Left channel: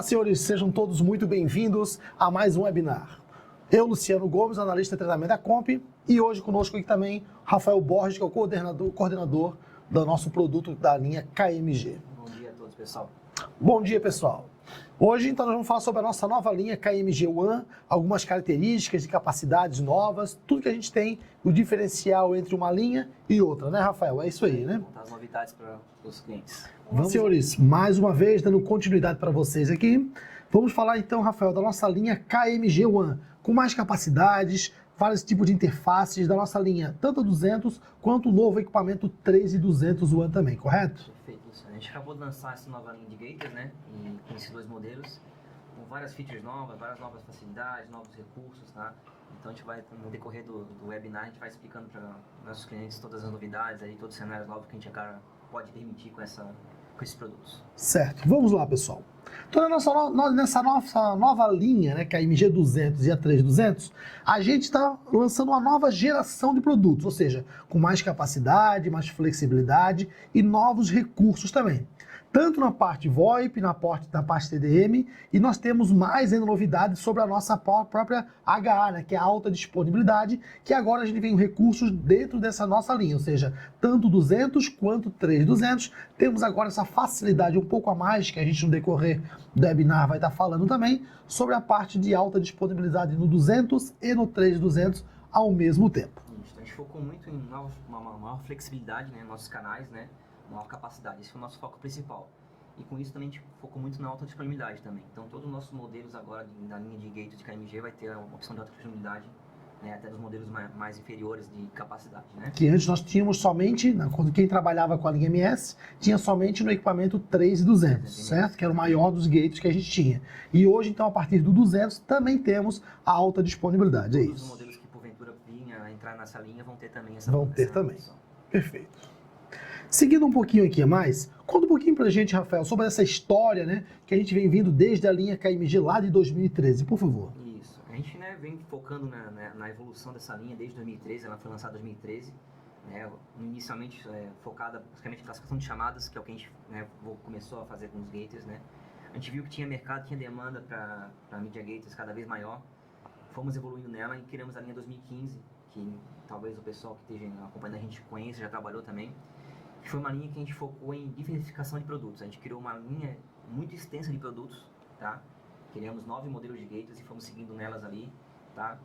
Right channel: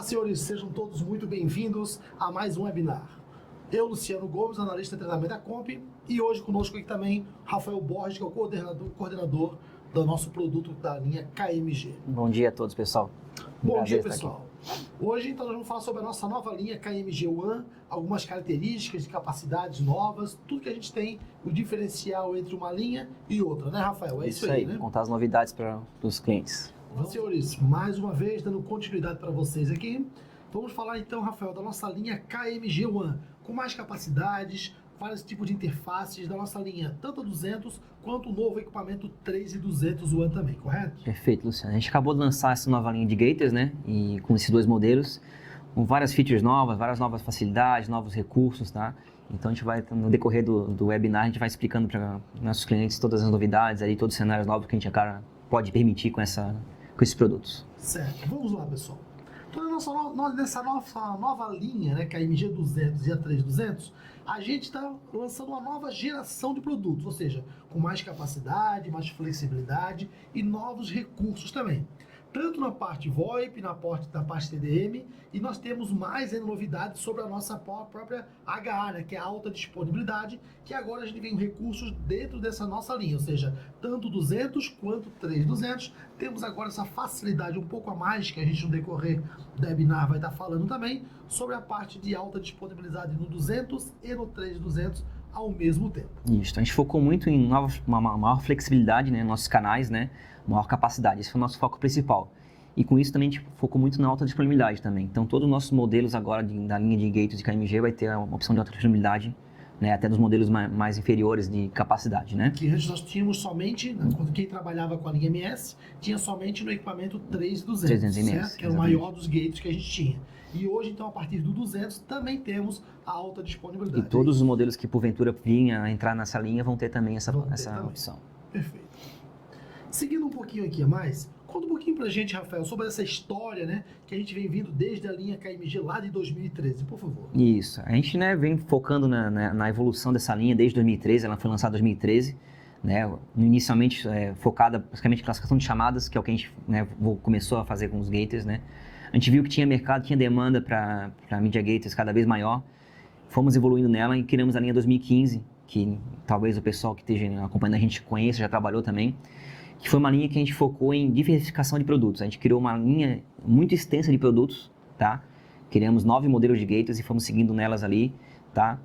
Olá, senhores, sejam todos muito bem-vindos a mais um webinar. Eu, Luciano Gomes, analista de treinamento da Comp, e hoje conosco aqui também Rafael Borges, que é o coordenador do nosso produto da linha KMG. Bom dia a todos, pessoal. Bom dia, pessoal. Hoje, então, nós vamos falar sobre a nossa nova linha KMG One, algumas características e capacidades novas, tudo que a gente tem, o diferencial entre uma linha e outra, né, Rafael? É isso aí, né? Contar as novidades para os clientes. Senhores, mais uma vez, dando continuidade para vocês aqui, vamos falar então, Rafael, da nossa linha KMG One, com mais capacidades, vários tipos de interfaces da nossa linha, tanto a 200 quanto o novo equipamento 3200 One também, correto? Perfeito, Luciano. A gente acabou de lançar essa nova linha de gators, né? E com esses dois modelos, com várias features novas, várias novas facilidades, novos recursos, tá? Então a gente vai, no decorrer do webinar, a gente vai explicando para nossos clientes todas as novidades, aí, todos os cenários novos que a gente pode permitir com esses produtos. Certo. Vamos lá, pessoal. Então, nessa nossa nova linha, né, que é a MG200 e a 3200, a gente está lançando uma nova geração de produtos, ou seja, com mais capacidade, mais flexibilidade e novos recursos também. Tanto na parte VoIP, na parte TDM, e nós temos mais ainda novidades sobre a nossa própria HA, né, que é a alta disponibilidade, que agora a gente tem recursos dentro dessa nossa linha, ou seja, tanto 200 quanto 3200, temos agora essa facilidade um pouco a mais, que a gente no decorrer do webinar vai estar falando também, sobre a parte de alta disponibilidade no 200 e no 3200 ao mesmo tempo. Isso, a gente focou muito em uma maior flexibilidade, né, nos nossos canais, né, maior capacidade, esse foi o nosso foco principal. E com isso também a gente focou muito na alta disponibilidade também. Então todos os nossos modelos agora da linha de gatos de KMG vai ter uma opção de alta disponibilidade, né, até dos modelos mais inferiores de capacidade, né? Que antes nós tínhamos somente, quando quem trabalhava com a linha MS, tinha somente no equipamento 3200, certo? Que era o maior dos gates que a gente tinha. E hoje, então, a partir do 200, também temos a alta disponibilidade. E todos os modelos que porventura vinham a entrar nessa linha vão ter também essa opção. Perfeito. Seguindo um pouquinho aqui a mais, conta um pouquinho pra gente, Rafael, sobre essa história, né, que a gente vem vindo desde a linha KMG lá de 2013, por favor. Isso, a gente, né, vem focando na evolução dessa linha desde 2013, ela foi lançada em 2013, né, inicialmente focada basicamente em classificação de chamadas, que é o que a gente, né, começou a fazer com os gators, né. A gente viu que tinha mercado, tinha demanda para media gators cada vez maior, fomos evoluindo nela e criamos a linha 2015, que talvez o pessoal que esteja acompanhando a gente conheça, já trabalhou também, que foi uma linha que a gente focou em diversificação de produtos. A gente criou uma linha muito extensa de produtos, tá? Criamos 9 modelos de gators e fomos seguindo nelas ali, tá?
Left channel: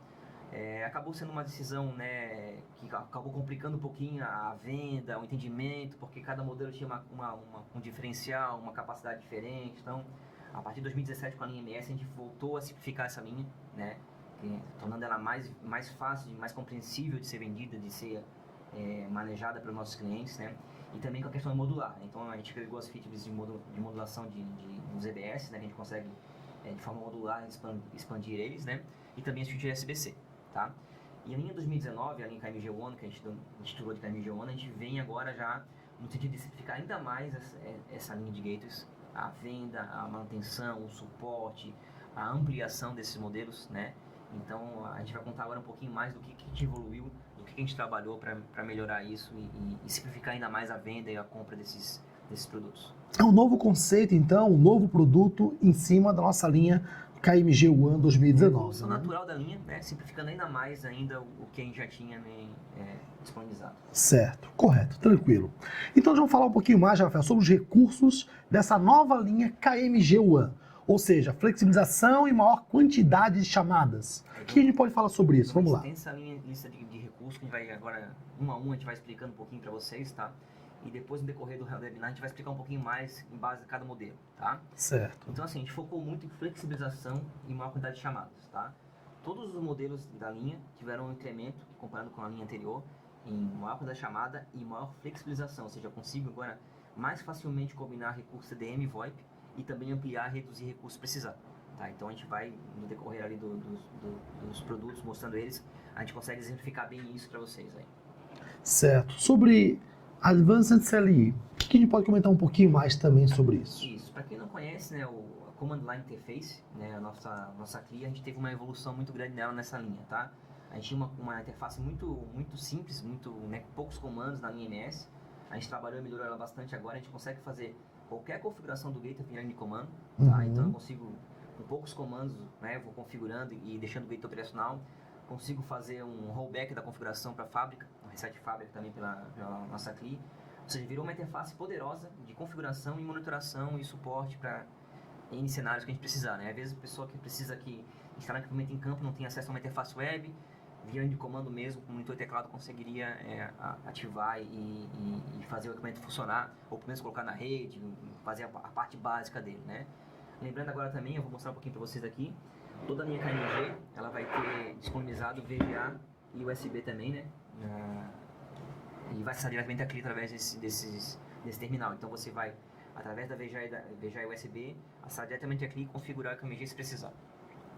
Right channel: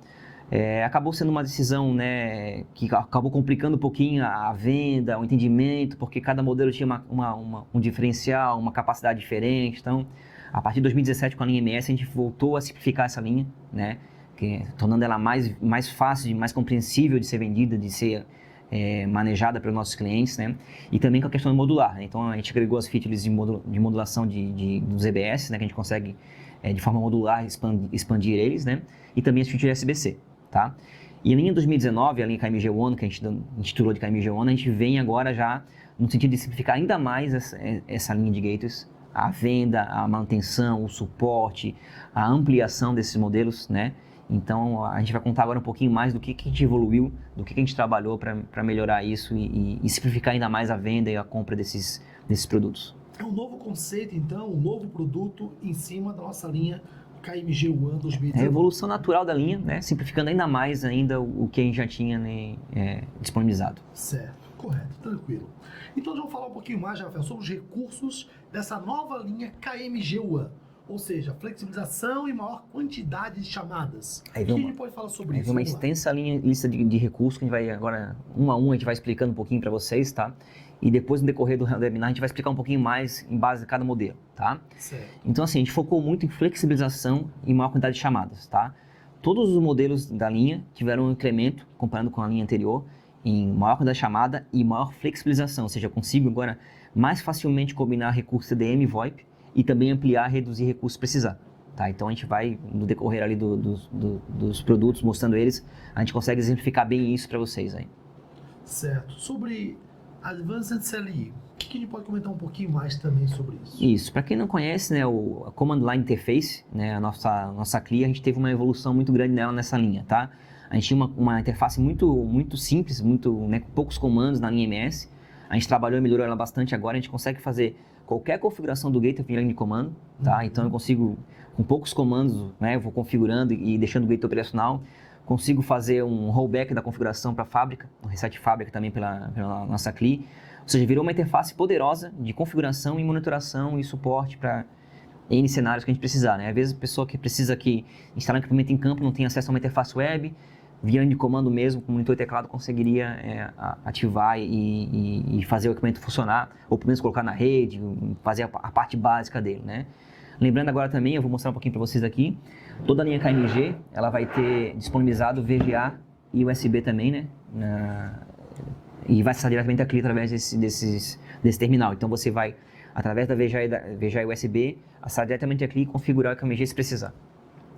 Acabou sendo uma decisão, né, que acabou complicando um pouquinho a venda, o entendimento, porque cada modelo tinha um diferencial, uma capacidade diferente. Então, a partir de 2017, com a linha MS, a gente voltou a simplificar essa linha, né, tornando ela mais fácil, mais compreensível de ser vendida, de ser manejada pelos nossos clientes, né? E também com a questão modular, né? Então a gente agregou as features de modulação dos EBS, né? Que a gente consegue de forma modular expandir eles, né? E também as features SBC, tá? E a linha 2019, a linha KMG One, que a gente intitulou de KMG One, a gente vem agora já no sentido de simplificar ainda mais essa linha de gators, a venda, a manutenção, o suporte, a ampliação desses modelos, né? Então, a gente vai contar agora um pouquinho mais do que a gente evoluiu, do que a gente trabalhou para melhorar isso e simplificar ainda mais a venda e a compra desses produtos. É um novo conceito, então, um novo produto em cima da nossa linha KMG One 2019. É a evolução natural da linha, né? Simplificando ainda mais o que a gente já tinha, né, disponibilizado. Certo, correto, tranquilo. Então, vamos falar um pouquinho mais, Rafael, sobre os recursos dessa nova linha KMG One. Ou seja, flexibilização e maior quantidade de chamadas. O que a gente pode falar sobre isso? Uma extensa lista de recursos que a gente vai agora, um a um, a gente vai explicando um pouquinho para vocês, tá? E depois, no decorrer do webinar, a gente vai explicar um pouquinho mais em base de cada modelo, tá? Certo. Então, assim, a gente focou muito em flexibilização e maior quantidade de chamadas, tá? Todos os modelos da linha tiveram um incremento, comparando com a linha anterior, em maior quantidade de chamada e maior flexibilização, ou seja, eu consigo agora mais facilmente combinar recursos CDM e VoIP, e também ampliar, reduzir recursos se precisar, tá? Então a gente vai, no decorrer ali dos produtos, mostrando eles, a gente consegue exemplificar bem isso para vocês aí. Certo. Sobre Advanced CLI, o que a gente pode comentar um pouquinho mais também sobre isso? Isso. Para quem não conhece, né, a Command Line Interface, né, a nossa CLI, a gente teve uma evolução muito grande nela nessa linha, tá? A gente tinha uma interface muito simples, né, com poucos comandos na linha MS. A gente trabalhou e melhorou ela bastante agora, a gente consegue fazer qualquer configuração do gateway via linha de comando, tá? Então eu consigo, com poucos comandos, né, eu vou configurando e deixando o gateway operacional, consigo fazer um rollback da configuração para a fábrica, um reset de fábrica também pela nossa CLI, ou seja, virou uma interface poderosa de configuração e monitoração e suporte para N cenários que a gente precisar, né? Às vezes a pessoa que precisa que instalar um equipamento em campo não tem acesso a uma interface web, via linha de comando mesmo, com monitor e teclado, conseguiria ativar e fazer o equipamento funcionar, ou pelo menos colocar na rede, fazer a parte básica dele, né? Lembrando agora também, eu vou mostrar um pouquinho para vocês aqui, toda a linha KMG, ela vai ter disponibilizado VGA e USB também, né? E vai acessar diretamente a CLI através desse terminal. Então você vai, através da VGA e USB, acessar diretamente a CLI e configurar o KMG se precisar.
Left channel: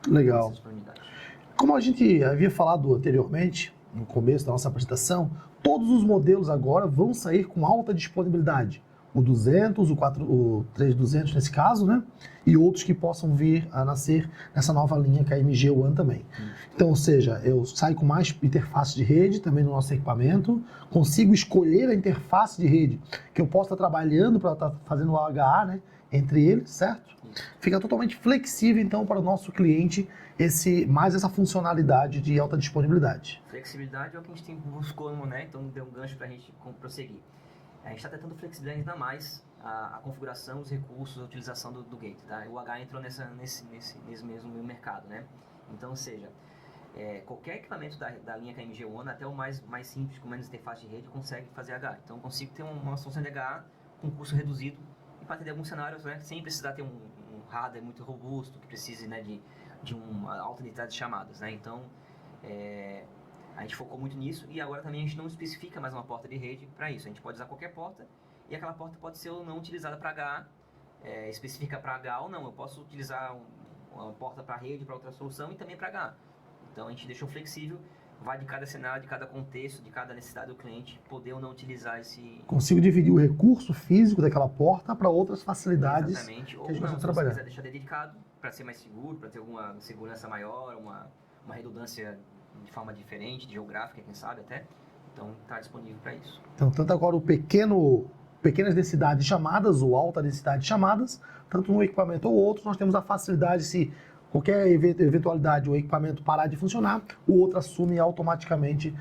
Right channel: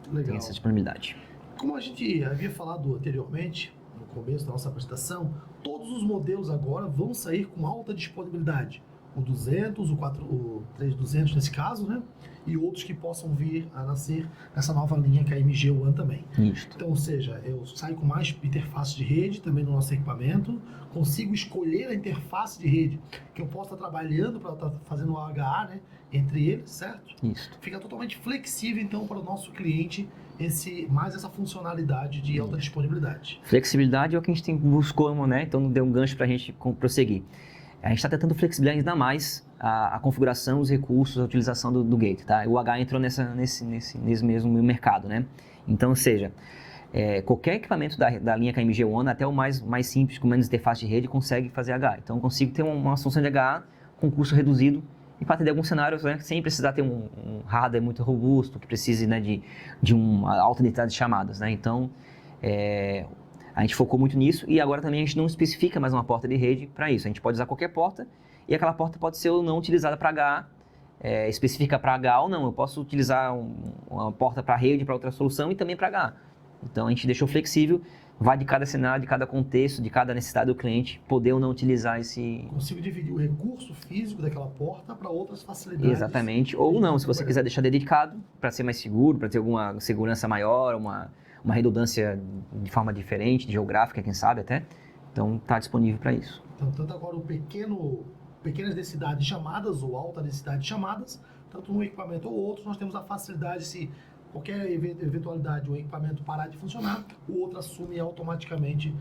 Legal. Essa disponibilidade. Como a gente havia falado anteriormente, no começo da nossa apresentação, todos os modelos agora vão sair com alta disponibilidade. O 200, o 3200 nesse caso, né? E outros que possam vir a nascer nessa nova linha KMG One também. Isso. Então, ou seja, eu saio com mais interface de rede também no nosso equipamento, consigo escolher a interface de rede que eu posso estar trabalhando para estar fazendo o AHA, né? Entre eles, certo? Isso. Fica totalmente flexível, então, para o nosso cliente, mais essa funcionalidade de alta disponibilidade. Flexibilidade é o que a gente buscou, né? Então não deu um gancho para a gente prosseguir. A gente está tentando flexibilizar ainda mais a configuração, os recursos, a utilização do gate, tá? O H entrou nesse mesmo mercado, né? Então, ou seja, qualquer equipamento da linha KMG One, até o mais simples, com menos interface de rede, consegue fazer H. Então, eu consigo ter uma solução de HA com custo reduzido e para atender alguns cenários, né, sem precisar ter um hardware muito robusto, que precise, né, de uma alta densidade de chamadas, né? Então, a gente focou muito nisso e agora também a gente não especifica mais uma porta de rede para isso. A gente pode usar qualquer porta e aquela porta pode ser ou não utilizada para HA, específica para HA ou não. Eu posso utilizar uma porta para rede, para outra solução e também para HA. Então a gente deixou flexível, vai de cada cenário, de cada contexto, de cada necessidade do cliente, poder ou não utilizar esse... Consigo dividir o recurso físico daquela porta para outras facilidades. Exatamente. Ou não, se você quiser deixar dedicado para ser mais seguro, para ter alguma segurança maior, uma redundância de forma diferente, geográfica, quem sabe até. Então, está disponível para isso. Então, tanto agora pequenas densidades de chamadas ou alta densidade de chamadas, tanto um equipamento ou outro, nós temos a facilidade, se qualquer eventualidade o equipamento parar de funcionar, o outro assume automaticamente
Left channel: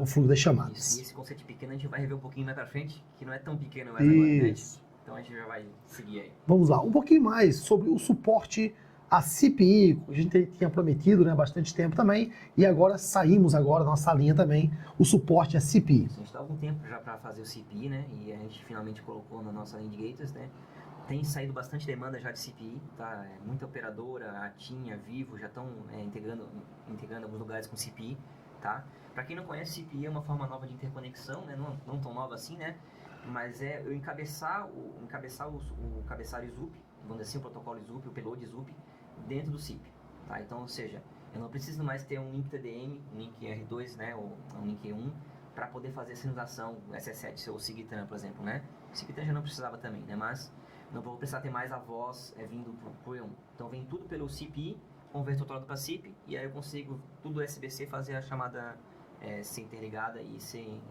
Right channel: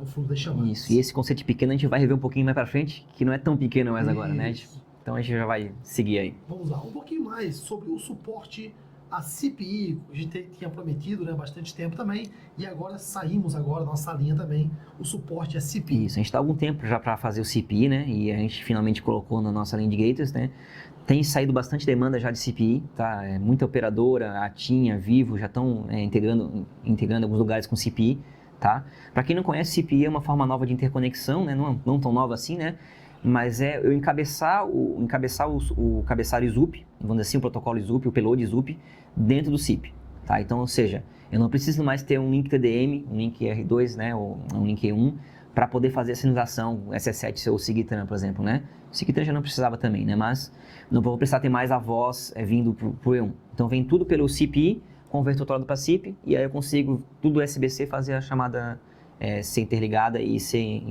o fluxo das chamadas. Isso. E esse conceito de pequeno a gente vai rever um pouquinho mais para frente, que não é tão pequeno mais agora, né? Então, a gente já vai seguir aí. Vamos lá, um pouquinho mais sobre o suporte a CPI, a gente tinha prometido, né, bastante tempo também, e agora saímos agora da nossa linha também, o suporte a CPI. Isso, a gente está há algum tempo já para fazer o CPI, né, e a gente finalmente colocou na nossa linha de gateways, né. Tem saído bastante demanda já de CPI, tá, muita operadora, a TIM, a Vivo já estão integrando alguns lugares com CPI, tá. Para quem não conhece, CPI é uma forma nova de interconexão, né, não tão nova assim, né, mas eu encabeçar o cabeçário ZUP, vamos dizer assim, o protocolo ZUP, o payload ZUP, dentro do CIP, tá? Então, ou seja, eu não preciso mais ter um link TDM, um link R2, né, ou um link E1, para poder fazer a sinalização SS7 ou SIGTRAN, por exemplo, né? O SIGTRAN já não precisava também, né? Mas não vou precisar ter mais a voz vindo para o E1. Então, vem tudo pelo CPI, converto o para CIP, e aí eu consigo, tudo SBC, fazer a chamada ser interligada e ser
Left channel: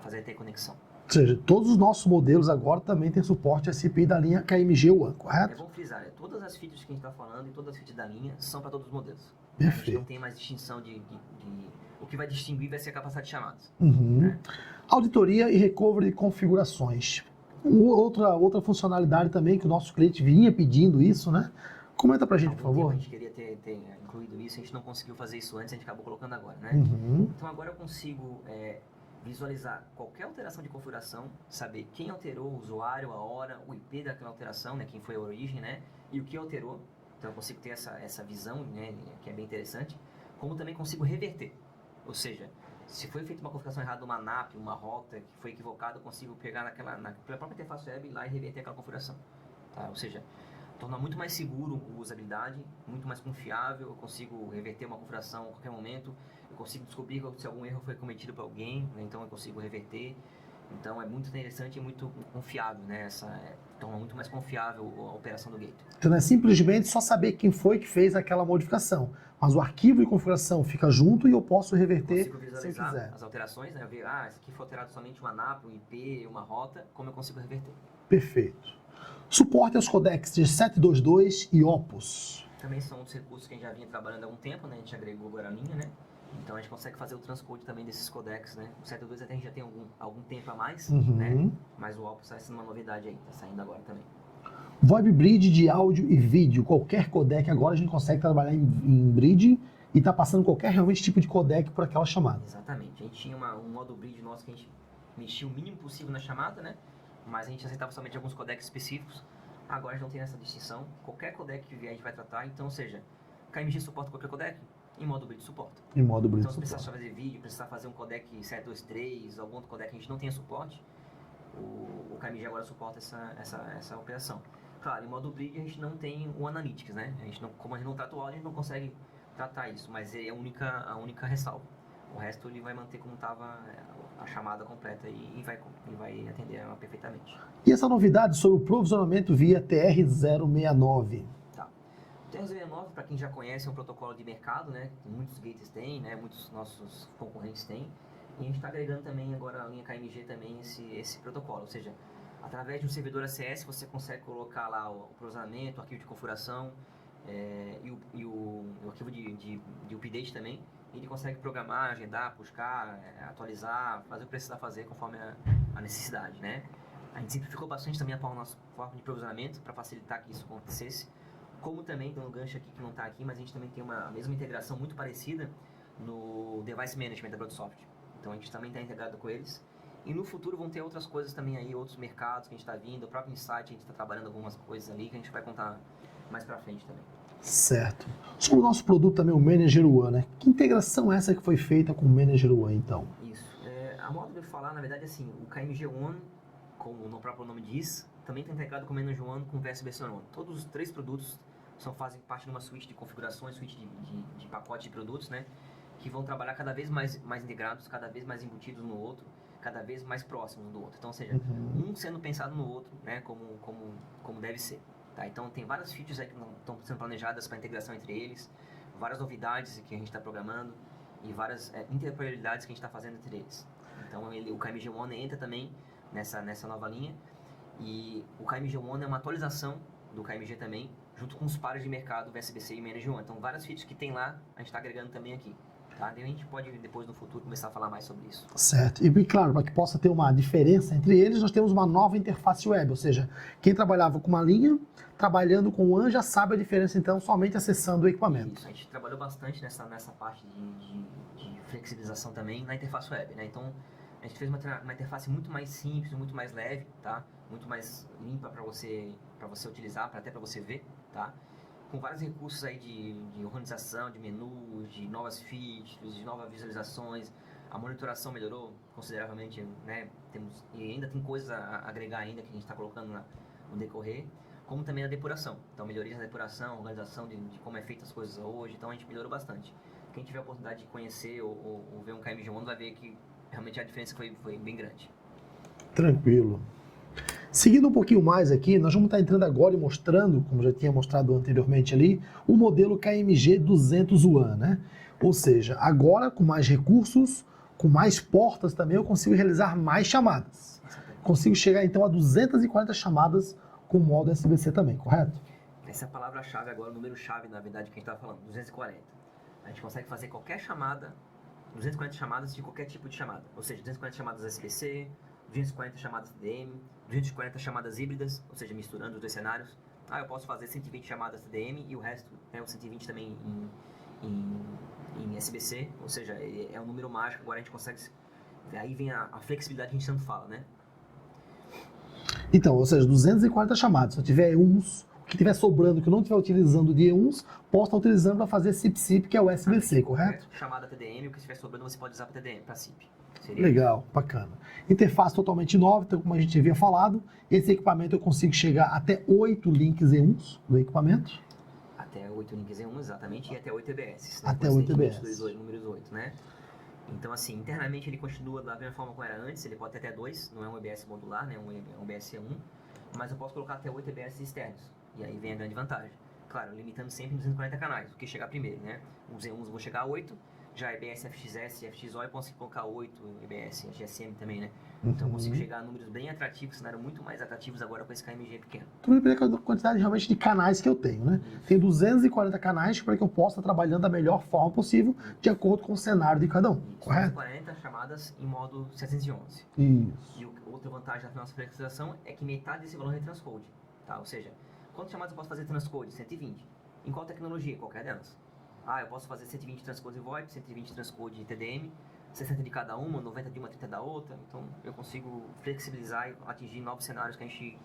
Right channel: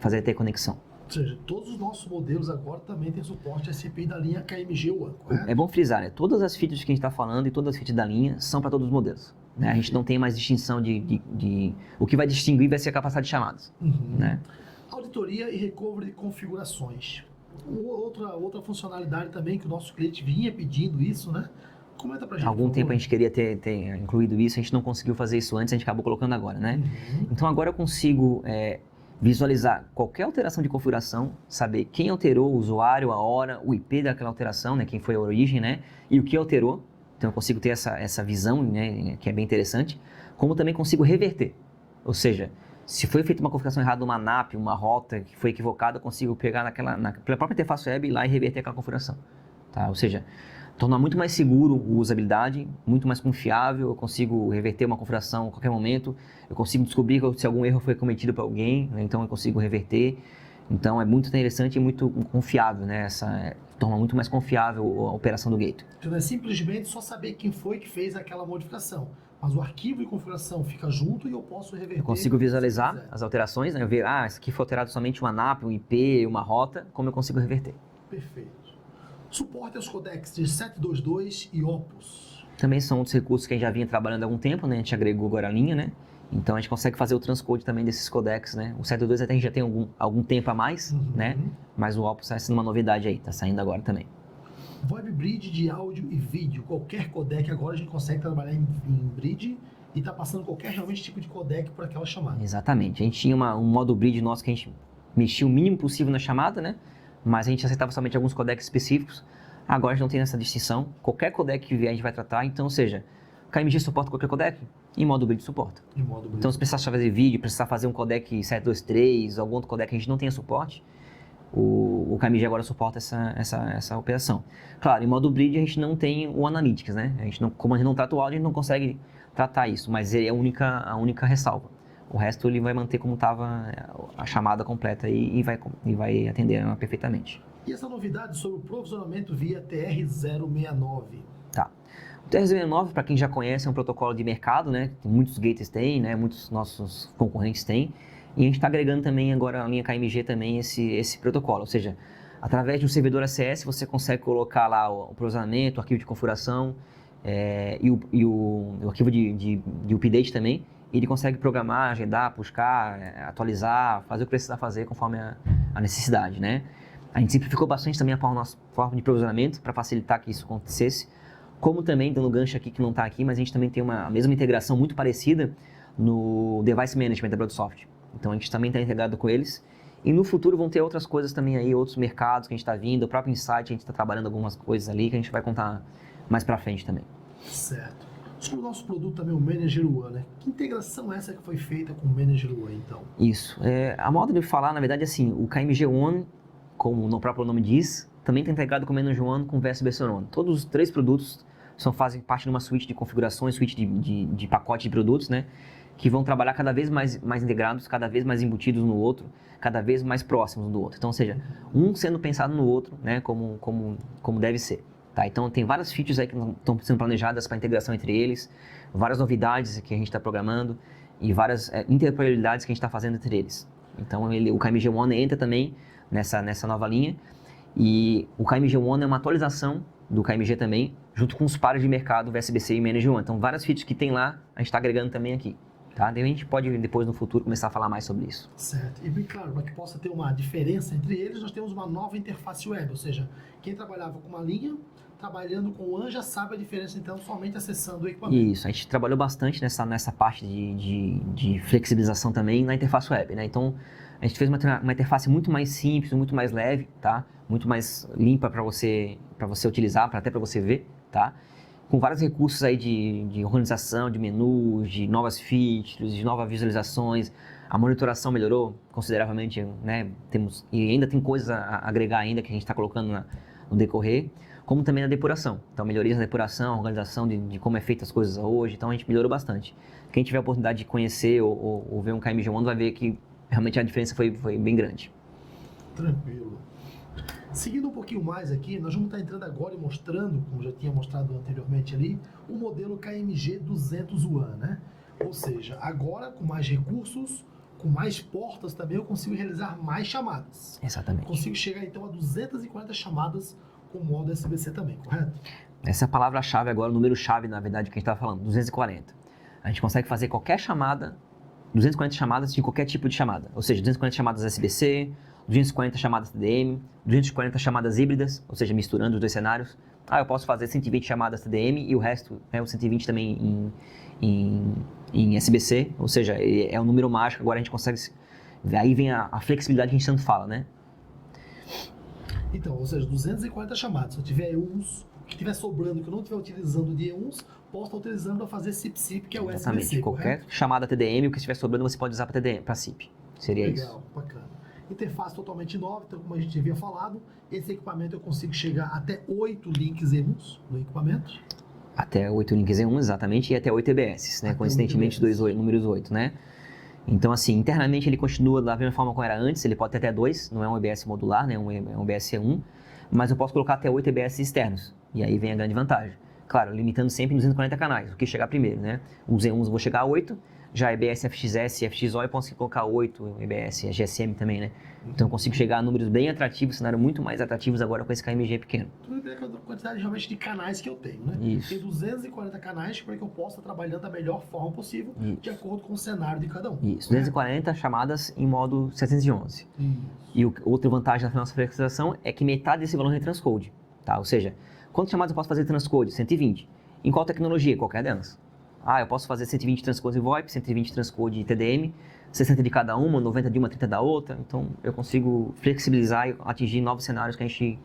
fazer a interconexão. Ou seja, todos os nossos modelos agora também têm suporte a CPI da linha KMG One, correto? É bom frisar, né? Todas as features que a gente está falando e todas as features da linha são para todos os modelos. Né? A gente não tem mais distinção de... O que vai distinguir vai ser a capacidade de chamadas. Né? Auditoria e recovery de configurações. Outra funcionalidade também que o nosso cliente vinha pedindo isso, né? Comenta pra gente, Há algum tempo a gente queria ter incluído isso, a gente não conseguiu fazer isso antes, a gente acabou colocando agora, né? Então agora eu consigo... visualizar qualquer alteração de configuração, saber quem alterou, o usuário, a hora, o IP daquela alteração, né, quem foi a origem, né, e o que alterou. Então eu consigo ter essa visão, né, que é bem interessante, como também consigo reverter. Ou seja, se foi feita uma configuração errada numa NAP, uma rota que foi equivocada, eu consigo pegar pela própria interface web e ir lá e reverter aquela configuração. Tá? Ou seja, tornar muito mais seguro a usabilidade, muito mais confiável, eu consigo reverter uma configuração a qualquer momento, eu consigo descobrir se algum erro foi cometido por alguém, né? Então eu consigo reverter. Então é muito interessante e muito confiável, né? Torna muito mais confiável a operação do gateway. Então não é simplesmente só saber quem foi que fez aquela modificação, mas o arquivo de configuração fica junto e eu posso reverter. Eu consigo visualizar as alterações, né? Eu ver, isso aqui foi alterado somente uma NAP, um IP, uma rota, como eu consigo reverter. Perfeito. Suporte aos codecs de 722 e Opus. Também são outros recursos que a gente já vinha trabalhando há algum tempo, né? A gente agregou agora a linha, né? Então a gente consegue fazer o transcode também desses codecs, né? O 722 até a gente já tem algum tempo a mais, né? Mas o Opus está sendo uma novidade aí, tá saindo agora também. VoIP Bridge de áudio e vídeo, qualquer codec agora a gente consegue trabalhar em bridge e está passando qualquer realmente tipo de codec por aquela chamada. Exatamente. A gente tinha um modo bridge nosso que a gente mexia o mínimo possível na chamada, né? Mas a gente aceitava somente alguns codecs específicos. Agora a gente não tem essa distinção. Qualquer codec que vier a gente vai tratar. Então, ou seja, o KMG suporta qualquer codec, em modo bridge suporta. Em modo bridge. Então, se precisar fazer vídeo, precisar fazer um codec 723, algum outro codec que a gente não tenha suporte, o KMG agora suporta essa operação. Claro, em modo bridge a gente não tem o Analytics, né? Como a gente não trata o áudio, a gente não consegue tratar isso, mas é a única ressalva. O resto ele vai manter como estava a chamada completa e vai atender ela perfeitamente. E essa novidade sobre o provisionamento via TR-069? Tá. O TR-069, para quem já conhece, é um protocolo de mercado, né? Que muitos gateways têm, né? Muitos nossos concorrentes têm. E a gente está agregando também agora a linha KMG também esse protocolo, ou seja, através de um servidor ACS você consegue colocar lá o provisionamento, o arquivo de configuração e o arquivo de update também. E ele consegue programar, agendar, buscar, atualizar, fazer o que precisar fazer conforme a necessidade, né? A gente simplificou bastante também a nossa forma de provisionamento para facilitar que isso acontecesse. Como também, dando gancho aqui que não está aqui, mas a gente também tem a mesma integração muito parecida no Device Management da Broadsoft. Então a gente também está integrado com eles. E no futuro vão ter outras coisas também aí, outros mercados que a gente está vindo. O próprio Insight, a gente está trabalhando algumas coisas ali que a gente vai contar mais para frente também. Certo. Sobre o nosso produto também, o Manager One, né? Que integração é essa que foi feita com o Manager One, então? Isso. A modo de falar, na verdade, é assim, o KMG One, como o próprio nome diz, também está integrado com o Manager One com o VSBC One. Todos os três produtos fazem parte de uma suíte de configurações, suíte de pacote de produtos, né? Que vão trabalhar cada vez mais integrados, cada vez mais embutidos no outro, cada vez mais próximos um do outro. Então, ou seja, um sendo pensado no outro, né? Como deve ser. Tá? Então, tem várias features aí que estão sendo planejadas para integração entre eles, várias novidades que a gente está programando e várias interoperabilidades que a gente está fazendo entre eles. Então, o KMG One entra também nessa nova linha e o KMG One é uma atualização do KMG também, junto com os pares de mercado VSBC e Manager One. Então, várias features que tem lá, a gente está agregando também aqui. Tá? Daí a gente pode, depois, no futuro, começar a falar mais sobre isso. Certo. E, claro, para que possa ter uma diferença entre eles, nós temos uma nova interface web, ou seja, quem trabalhava com uma linha, trabalhando com o One, já sabe a diferença, então, somente acessando o equipamento. Isso, a gente trabalhou bastante nessa parte de flexibilização também na interface web, né? Então, a gente fez uma interface muito mais simples, muito mais leve, tá? Muito mais limpa para você utilizar, até para você ver, tá? Com vários recursos aí de organização, de menus, de novas features, de novas visualizações. A monitoração melhorou consideravelmente, né? E ainda tem coisas a agregar ainda que a gente está colocando no decorrer, como também na depuração. Então, melhorias na depuração, organização de como é feita as coisas hoje. Então, a gente melhorou bastante. Quem tiver a oportunidade de conhecer ou ver um KMG One vai ver que realmente a diferença foi bem grande. Tranquilo. Seguindo um pouquinho mais aqui, nós vamos estar entrando agora e mostrando, como já tinha mostrado anteriormente ali, o modelo KMG 200 One, né? Ou seja, agora com mais recursos, com mais portas também, eu consigo realizar mais chamadas. Exatamente. Consigo chegar então a 240 chamadas com o modo SBC também, correto? Essa é a palavra-chave agora, o número-chave, na verdade, que a gente estava falando, 240. A gente consegue fazer qualquer chamada, 240 chamadas de qualquer tipo de chamada. Ou seja, 240 chamadas SBC, 240 chamadas TDM, 240 chamadas híbridas, ou seja, misturando os dois cenários. Eu posso fazer 120 chamadas TDM e o resto, né, o 120 também em SBC, ou seja, é um número mágico, agora a gente consegue... Aí vem a flexibilidade que a gente tanto fala, né? Então, ou seja, 240 chamadas. Se eu tiver uns, o que estiver sobrando, que eu não estiver utilizando de uns, posso estar utilizando para fazer SIP-SIP, que é o SBC, correto? Qualquer chamada TDM, o que estiver sobrando, você pode usar para SIP. Seria Legal, isso. Bacana. Interface totalmente nova, então, como a gente havia falado, esse equipamento eu consigo chegar até 8 links E1s do equipamento. Até 8 links E1, exatamente, e até 8 EBS, né? Até Coincidentemente, 8 EBS. números 8, né? Então, assim, internamente ele continua da mesma forma como era antes, ele pode ter até 2, não é um EBS modular, né? É um EBS E1, mas eu posso colocar até 8 EBS externos, e aí vem a grande vantagem. Claro, limitando sempre em 240 canais, o que chegar primeiro, né? Os E1s eu vou chegar a 8, já EBS FXS e FXO eu posso colocar 8 EBS, a GSM também, né? Então eu consigo chegar a números bem atrativos, cenário muito mais atrativos agora com esse KMG pequeno. Tudo depende da quantidade realmente de canais que eu tenho, né? Isso. Tem 240 canais para que eu possa estar trabalhando da melhor forma possível, de acordo com o cenário de cada um. Isso, 240 chamadas em modo 711. Isso. E outra vantagem da nossa flexibilização é que metade desse valor é transcode, tá? Ou seja, quantas chamadas eu posso fazer transcode? 120. Em qual tecnologia? Qualquer delas. Eu posso fazer 120 transcode em VoIP, 120 transcode em TDM, 60 de cada uma, 90 de uma, 30 da outra. Então, eu consigo flexibilizar e atingir novos cenários que a gente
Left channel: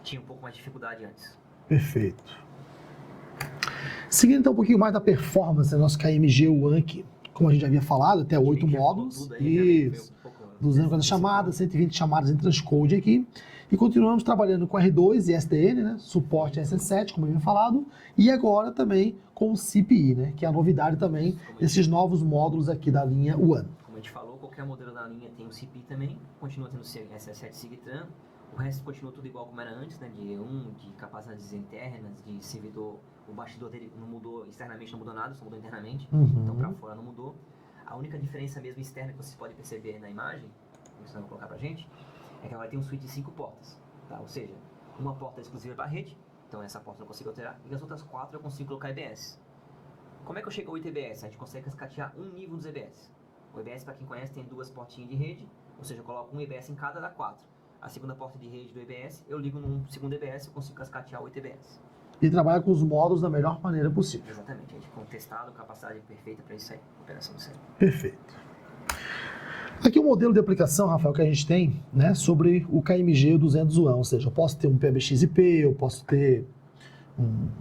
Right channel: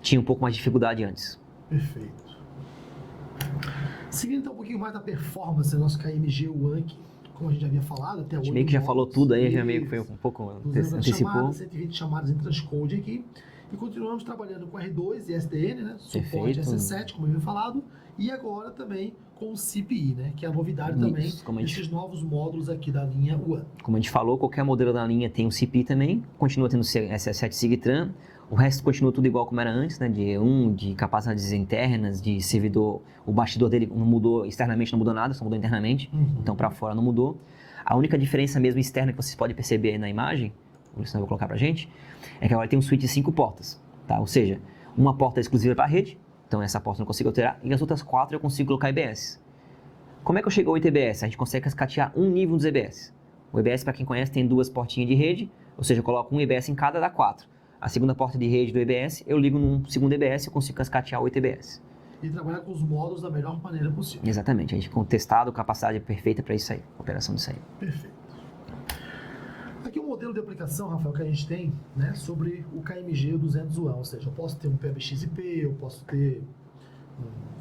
tinha um pouco mais de dificuldade antes. Perfeito. Seguindo então um pouquinho mais da performance do nosso KMG One, que, como a gente já havia falado, até 8 meio que já falou módulos. tudo aí, já meio que foi um pouco... 240 chamadas, 120 chamadas em transcode aqui. E continuamos trabalhando com R2 e SDN, né? Suporte Perfeito. SS7, como eu havia falado. E agora também com o CPI, né? Que é a novidade também desses novos módulos aqui da linha One. Como a gente falou, qualquer modelo da linha tem o CPI também, continua tendo SS7 Sigtran. O resto continua tudo igual como era antes, né? De E1, de capacidades internas, de servidor. O bastidor dele não mudou externamente, não mudou nada, só mudou internamente. Então, para fora não mudou. A única diferença mesmo externa que vocês podem perceber aí na imagem, por isso eu vou colocar pra gente, é que agora tem um switch de 5 portas, tá? Ou seja, uma porta é exclusiva para a rede, então essa porta eu não consigo alterar, e as outras 4 eu consigo colocar EBS. Como é que eu chego ao 8 EBS? A gente consegue cascatear um nível dos EBS. O EBS, para quem conhece, tem 2 portinhas de rede, ou seja, eu coloco um EBS em cada, dá 4. A segunda porta de rede do EBS, eu ligo num segundo EBS e consigo cascatear 8 EBS. E trabalhar com os módulos da melhor maneira possível. Exatamente, a gente tem testado capacidade perfeita para isso aí, operação disso aí. Perfeito. Aqui o modelo de aplicação, Rafael, que a gente tem, né, sobre o KMG 200 UAN, ou seja, eu posso ter um PBX-IP, eu posso ter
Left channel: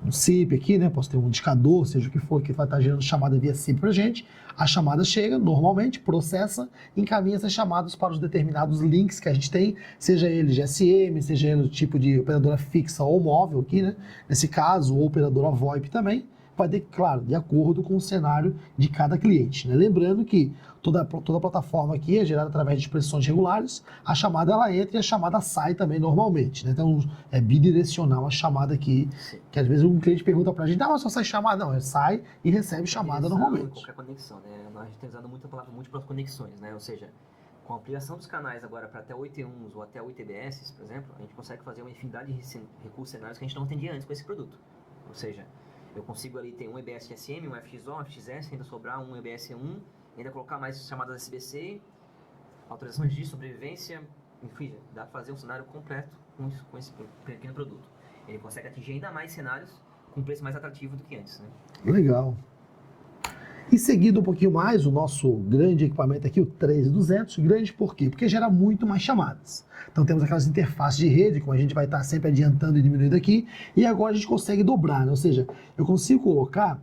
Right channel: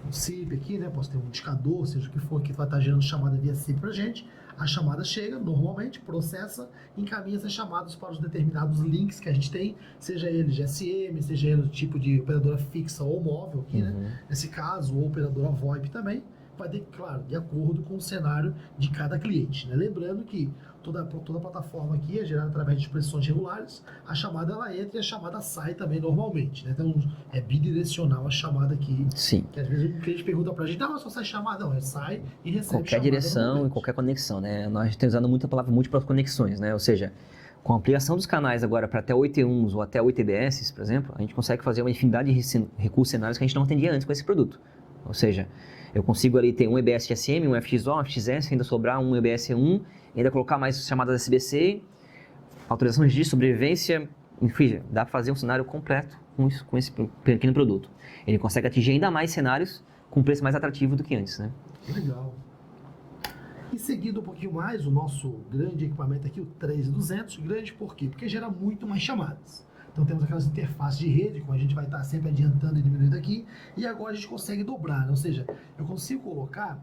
um SIP aqui, né, posso ter um indicador, seja o que for, que vai estar gerando chamada via SIP para a gente. A chamada chega, normalmente, processa, encaminha essas chamadas para os determinados links que a gente tem, seja ele GSM, seja ele o tipo de operadora fixa ou móvel aqui, né, nesse caso, ou operadora VoIP também, vai ter, claro, de acordo com o cenário de cada cliente, né? Lembrando que toda a plataforma aqui é gerada através de expressões regulares, a chamada ela entra e a chamada sai também normalmente, né? Então é bidirecional a chamada aqui. Sim. Que às vezes um cliente pergunta pra gente, mas só sai chamada? Não, sai e recebe qualquer chamada direção normalmente. e qualquer conexão, né? Nós estamos usando muito a palavra múltiplas conexões, né? Ou seja, com a ampliação dos canais agora para até 8 E1s ou até 8 EBS, por exemplo, a gente consegue fazer uma infinidade de recursos cenários que a gente não atendia antes com esse produto. Ou seja, eu consigo ali ter um EBS GSM, um FXO, um FXS, ainda sobrar um EBS E1, ainda colocar mais chamadas SBC, autorização de registro, sobrevivência, enfim, dá para fazer um cenário completo com esse pequeno produto. Ele consegue atingir ainda mais cenários com preço mais atrativo do que antes, né? Legal. E seguindo um pouquinho mais, o nosso grande equipamento aqui, o 13200, grande por quê? Porque gera muito mais chamadas. Então temos aquelas interfaces de rede, como a gente vai estar sempre adiantando e diminuindo aqui, e agora a gente consegue dobrar, né? Ou seja, eu consigo colocar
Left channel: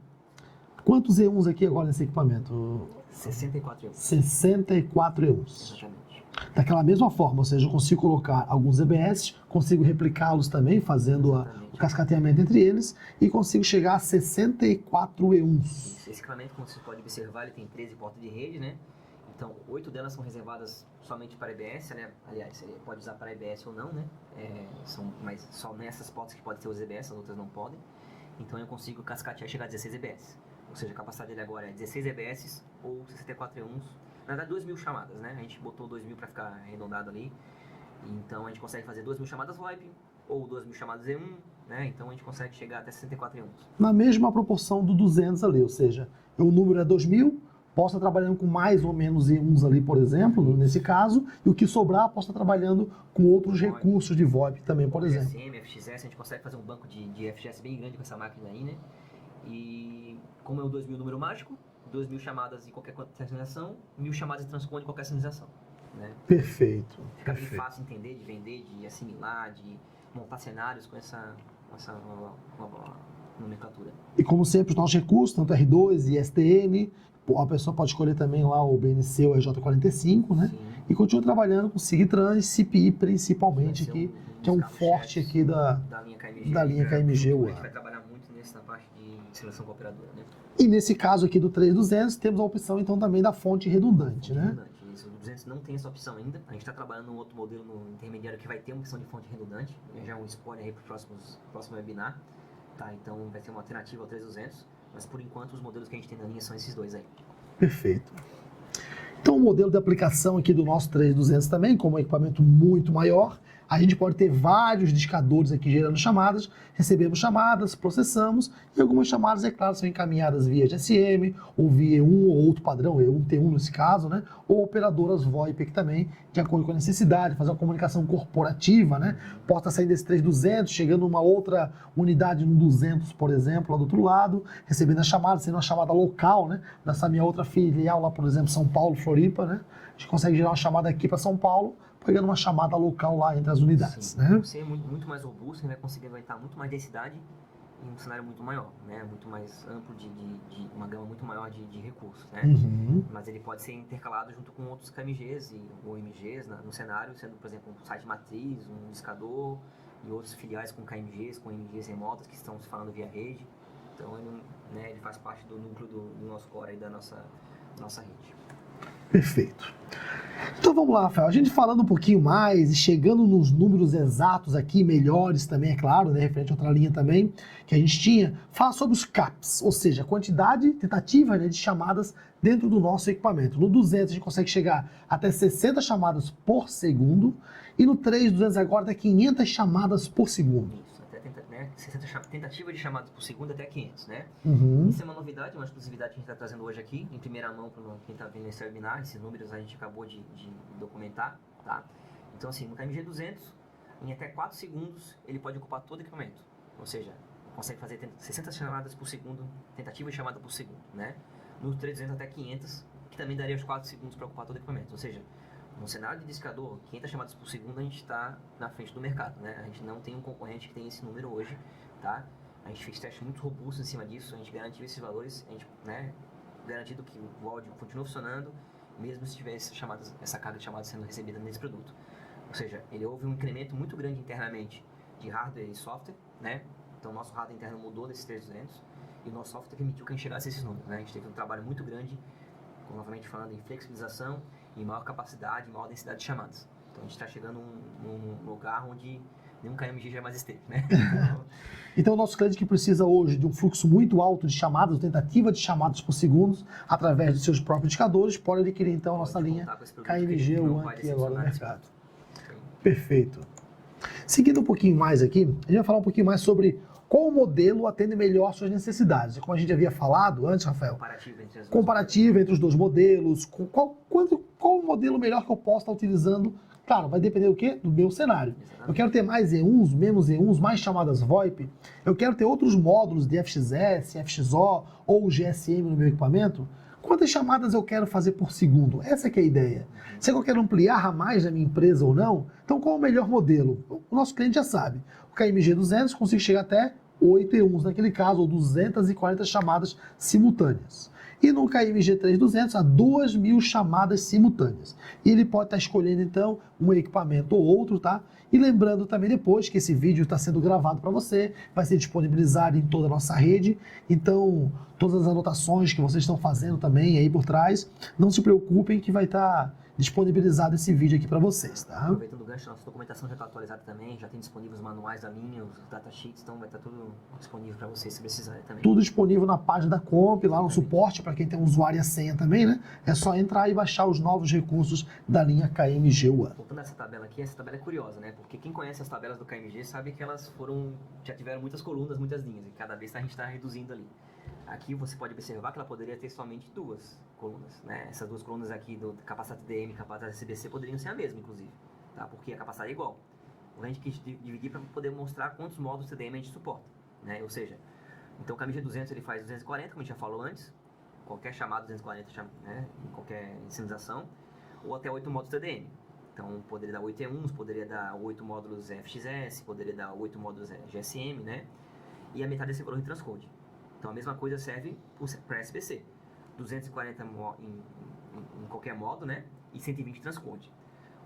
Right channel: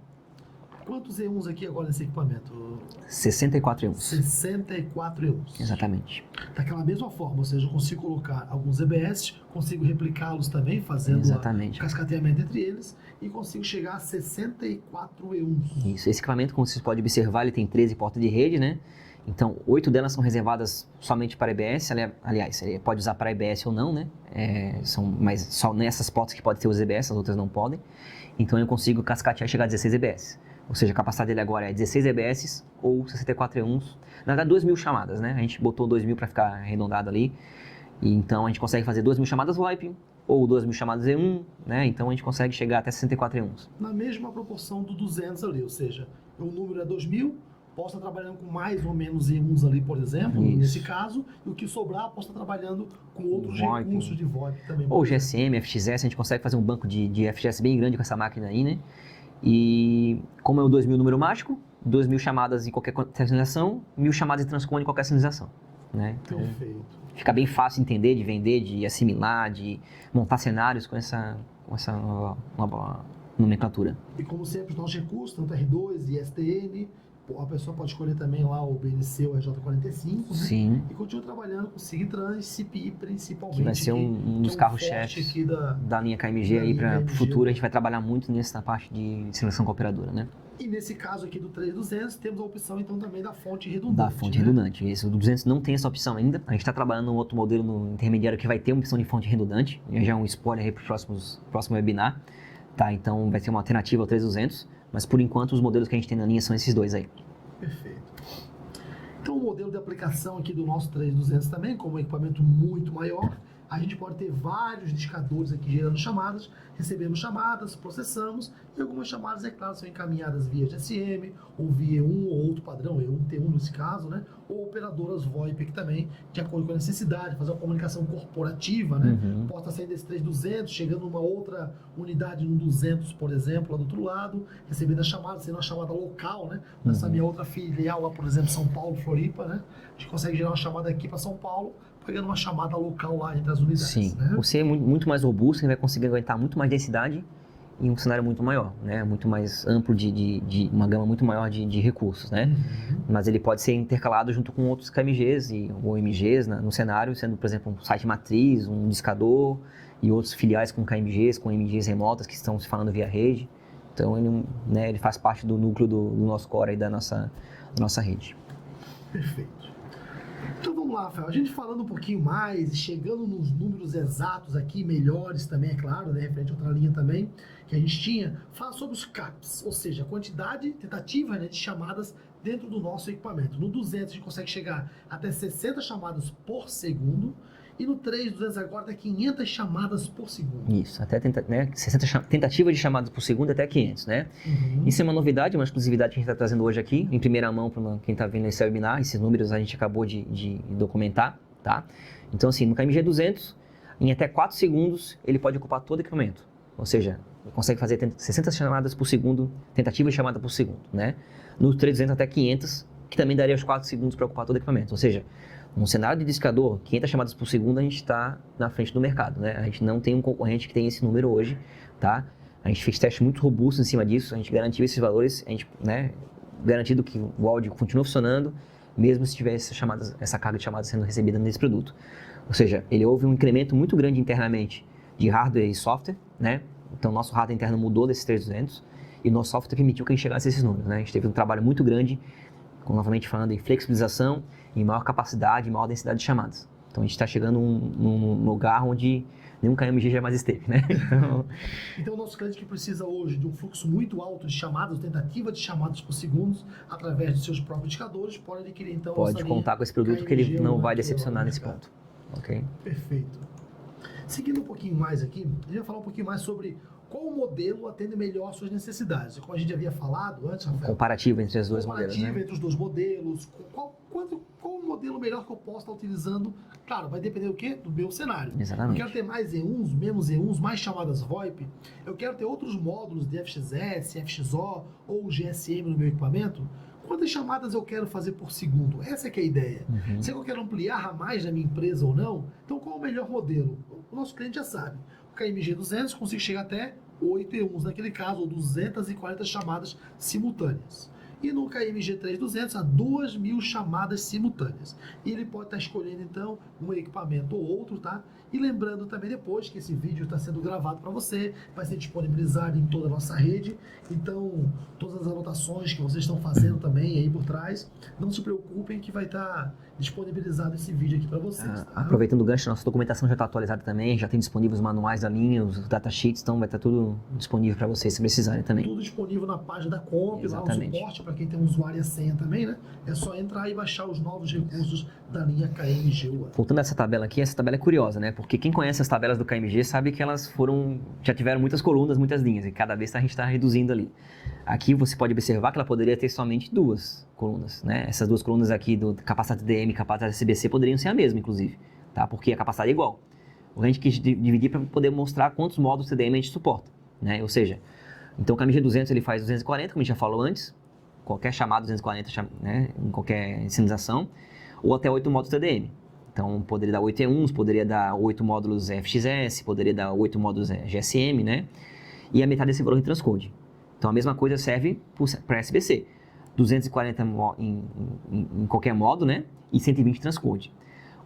quantos E1s aqui agora nesse equipamento? 64 E1s. 64 E1s. Exatamente. Daquela mesma forma, ou seja, eu consigo colocar alguns EBS, consigo replicá-los também, fazendo o cascateamento entre eles, e consigo chegar a 64 E1s. Isso, esse equipamento, como vocês podem observar, ele tem 13 portas de rede, né? Então, 8 delas são reservadas somente para EBS, aliás, ele pode usar para EBS ou não, né? Mas só nessas portas que pode ter os EBS, as outras não podem. Então, eu consigo cascatear e chegar a 16 EBS. Ou seja, a capacidade dele agora é 16 EBS ou 64 E1s. Na verdade, 2.000 chamadas, né? A gente botou 2.000 para ficar arredondado ali. E então, a gente consegue fazer 2.000 chamadas VoIP ou 2.000 chamadas E1, né? Então, a gente consegue chegar até 64 E1s. Na mesma proporção do 200 ali, ou seja, o número é 2.000, posso estar trabalhando com mais ou menos E1s ali, por exemplo, nesse caso, e o que sobrar, posso estar trabalhando com outros recursos de VoIP também, por ou exemplo. GSM, FXS, a gente consegue fazer um banco de FXS bem grande com essa máquina aí, né? E como é o 2.000 número mágico, 2.000 chamadas em qualquer sinalização, 1.000 chamadas de transcone em qualquer sinalização, né? Então, perfeito. Fica bem fácil de entender, de vender, de assimilar, de montar cenários com essa nova nomenclatura. E como sempre, os nossos recursos, tanto R2 e STN, a pessoa pode escolher também lá o BNC ou RJ45, né? Sim. E continua trabalhando com SIG-Trans e CPI principalmente. Que vai ser um dos carros-chefes aqui da linha KMG aí para o futuro. A gente vai trabalhar muito nessa parte de seleção com a operadora, né? E nesse caso aqui do 3200, temos a opção então também da fonte redundante. Da fonte redundante. Esse, o 200 não tem essa opção ainda. A gente está trabalhando num outro modelo no intermediário que vai ter uma opção de fonte redundante. Já é um spoiler aí para o próximo webinar. Tá? Então vai ser uma alternativa ao 3200. Mas por enquanto os modelos que a gente tem na linha são esses dois aí. Perfeito. Então, o modelo de aplicação aqui do nosso 3200 também, como um equipamento muito maior, a gente pode ter vários discadores aqui gerando chamadas, recebemos chamadas, processamos, e algumas chamadas, é claro, são encaminhadas via GSM, ou via um ou outro padrão, E1, T1 nesse caso, né? Ou operadoras VoIP aqui também, de acordo com a necessidade, fazer uma comunicação corporativa, né? Pode estar saindo desse 3200, chegando numa outra unidade no 200, por exemplo, lá do outro lado, recebendo a chamada, sendo uma chamada local, né? Nessa minha outra filial lá, por exemplo, São Paulo, Floripa, né? A gente consegue gerar uma chamada aqui para São Paulo, pegando uma chamada local lá entre as unidades. Sim, né? você é muito mais robusto, você vai conseguir aguentar muito mais densidade em um cenário muito maior, né? Muito mais amplo de uma gama muito maior de recursos, né? Mas ele pode ser intercalado junto com outros KMGs ou MGs no cenário, sendo, por exemplo, um site matriz, um discador e outros filiais com KMGs, com MGs remotas que estão se falando via rede. Então, ele faz parte do núcleo do nosso core aí, da nossa rede. Perfeito. Então vamos lá, Rafael, a gente falando um pouquinho mais e chegando nos números exatos aqui, melhores também, é claro, né, referente a outra linha também que a gente tinha, fala sobre os CAPs, ou seja, a quantidade tentativa, né, de chamadas dentro do nosso equipamento. No 200 a gente consegue chegar até 60 chamadas por segundo e no 3200 agora até 500 chamadas por segundo. Isso, até 60 tentativas de chamadas por segundo até 500, né? Isso é uma novidade, uma exclusividade que a gente está trazendo hoje aqui, em primeira mão para quem está vendo esse webinar. Esses números a gente acabou de documentar, tá? Então, assim, no KMG 200, em até 4 segundos, ele pode ocupar todo o equipamento. Ou seja, consegue fazer 60 chamadas por segundo, tentativas de chamada por segundo, né? No 300 até 500, que também daria os 4 segundos para ocupar todo o equipamento. Ou seja, num cenário de discador, 500 chamadas por segundo, a gente está na frente do mercado, né? A gente não tem um concorrente que tem esse número hoje, tá? A gente fez testes muito robustos em cima disso, a gente garantiu esses valores, a gente, né, garantindo que o áudio continua funcionando, mesmo se tivesse essa carga de chamadas sendo recebida nesse produto. Ou seja, houve um incremento muito grande internamente de hardware e software, né? Então, nosso hardware interno mudou desses 3200 e o nosso software permitiu que a gente chegasse a esses números, né? A gente teve um trabalho muito grande, novamente falando em flexibilização, em maior capacidade, maior densidade de chamadas. Então, a gente está chegando num lugar onde nenhum KMG jamais esteve, né? Então, o nosso cliente que precisa hoje de um fluxo muito alto de chamadas, tentativa de chamadas por segundo, através dos seus próprios indicadores, pode adquirir, então, a pode contar com esse produto KMG, que ele não vai decepcionar nesse ponto. Okay. Perfeito. Seguindo um pouquinho mais aqui, a gente vai falar um pouquinho mais sobre qual modelo atende melhor às suas necessidades. Como a gente havia falado antes, Rafael. Comparativo entre os dois modelos. Comparativo entre os dois modelos. Qual o modelo melhor que eu posso estar utilizando? Claro, vai depender do quê? Do meu cenário. Exatamente. Eu quero ter mais E1s, menos E1s, mais chamadas VoIP. Eu quero ter outros módulos de FXS, FXO ou GSM no meu equipamento. Quantas chamadas eu quero fazer por segundo? Essa que é a ideia. Será que eu quero ampliar a mais na minha empresa ou não? Então, qual é o melhor modelo? O nosso cliente já sabe. O KMG 200 consigo chegar até 8 E1s naquele caso, ou 240 chamadas simultâneas. E no KMG 3200, a 2.000 chamadas simultâneas. E ele pode estar escolhendo, então, um equipamento ou outro, tá? E lembrando também depois que esse vídeo está sendo gravado para você, vai ser disponibilizado em toda a nossa rede. Então, todas as anotações que vocês estão fazendo também aí por trás, não se preocupem que vai estar disponibilizado esse vídeo aqui para vocês, tá? Aproveitando o gancho, nossa documentação já está atualizada também, já tem disponíveis os manuais da linha, os datasheets, então vai estar tudo disponível para vocês se precisarem também. Tudo disponível na página da Comp, lá no suporte, para quem tem um usuário e a senha também, né? É só entrar e baixar os novos recursos da linha KMG One. Voltando a essa tabela aqui, essa tabela é curiosa, né? Porque quem conhece as tabelas do KMG sabe que elas já tiveram muitas colunas, muitas linhas, e cada vez a gente está reduzindo ali. Aqui você pode observar que ela poderia ter somente 2 colunas, né? Essas 2 colunas aqui do capacidade DM e capacidade CBC poderiam ser a mesma, inclusive, tá? Porque a capacidade é igual. A gente quis dividir para poder mostrar quantos módulos CDM a gente suporta, né? Ou seja, então o KMG 200 ele faz 240, como a gente já falou antes, qualquer chamada 240, né? Em qualquer sinalização, ou até 8 módulos CDM. Então poderia dar 8 E1s, poderia dar 8 módulos FXS, poderia dar 8 módulos GSM, né? E a metade desse valor em transcode. Então, a mesma coisa serve para SBC. 240 em qualquer modo, né? E 120 transcode.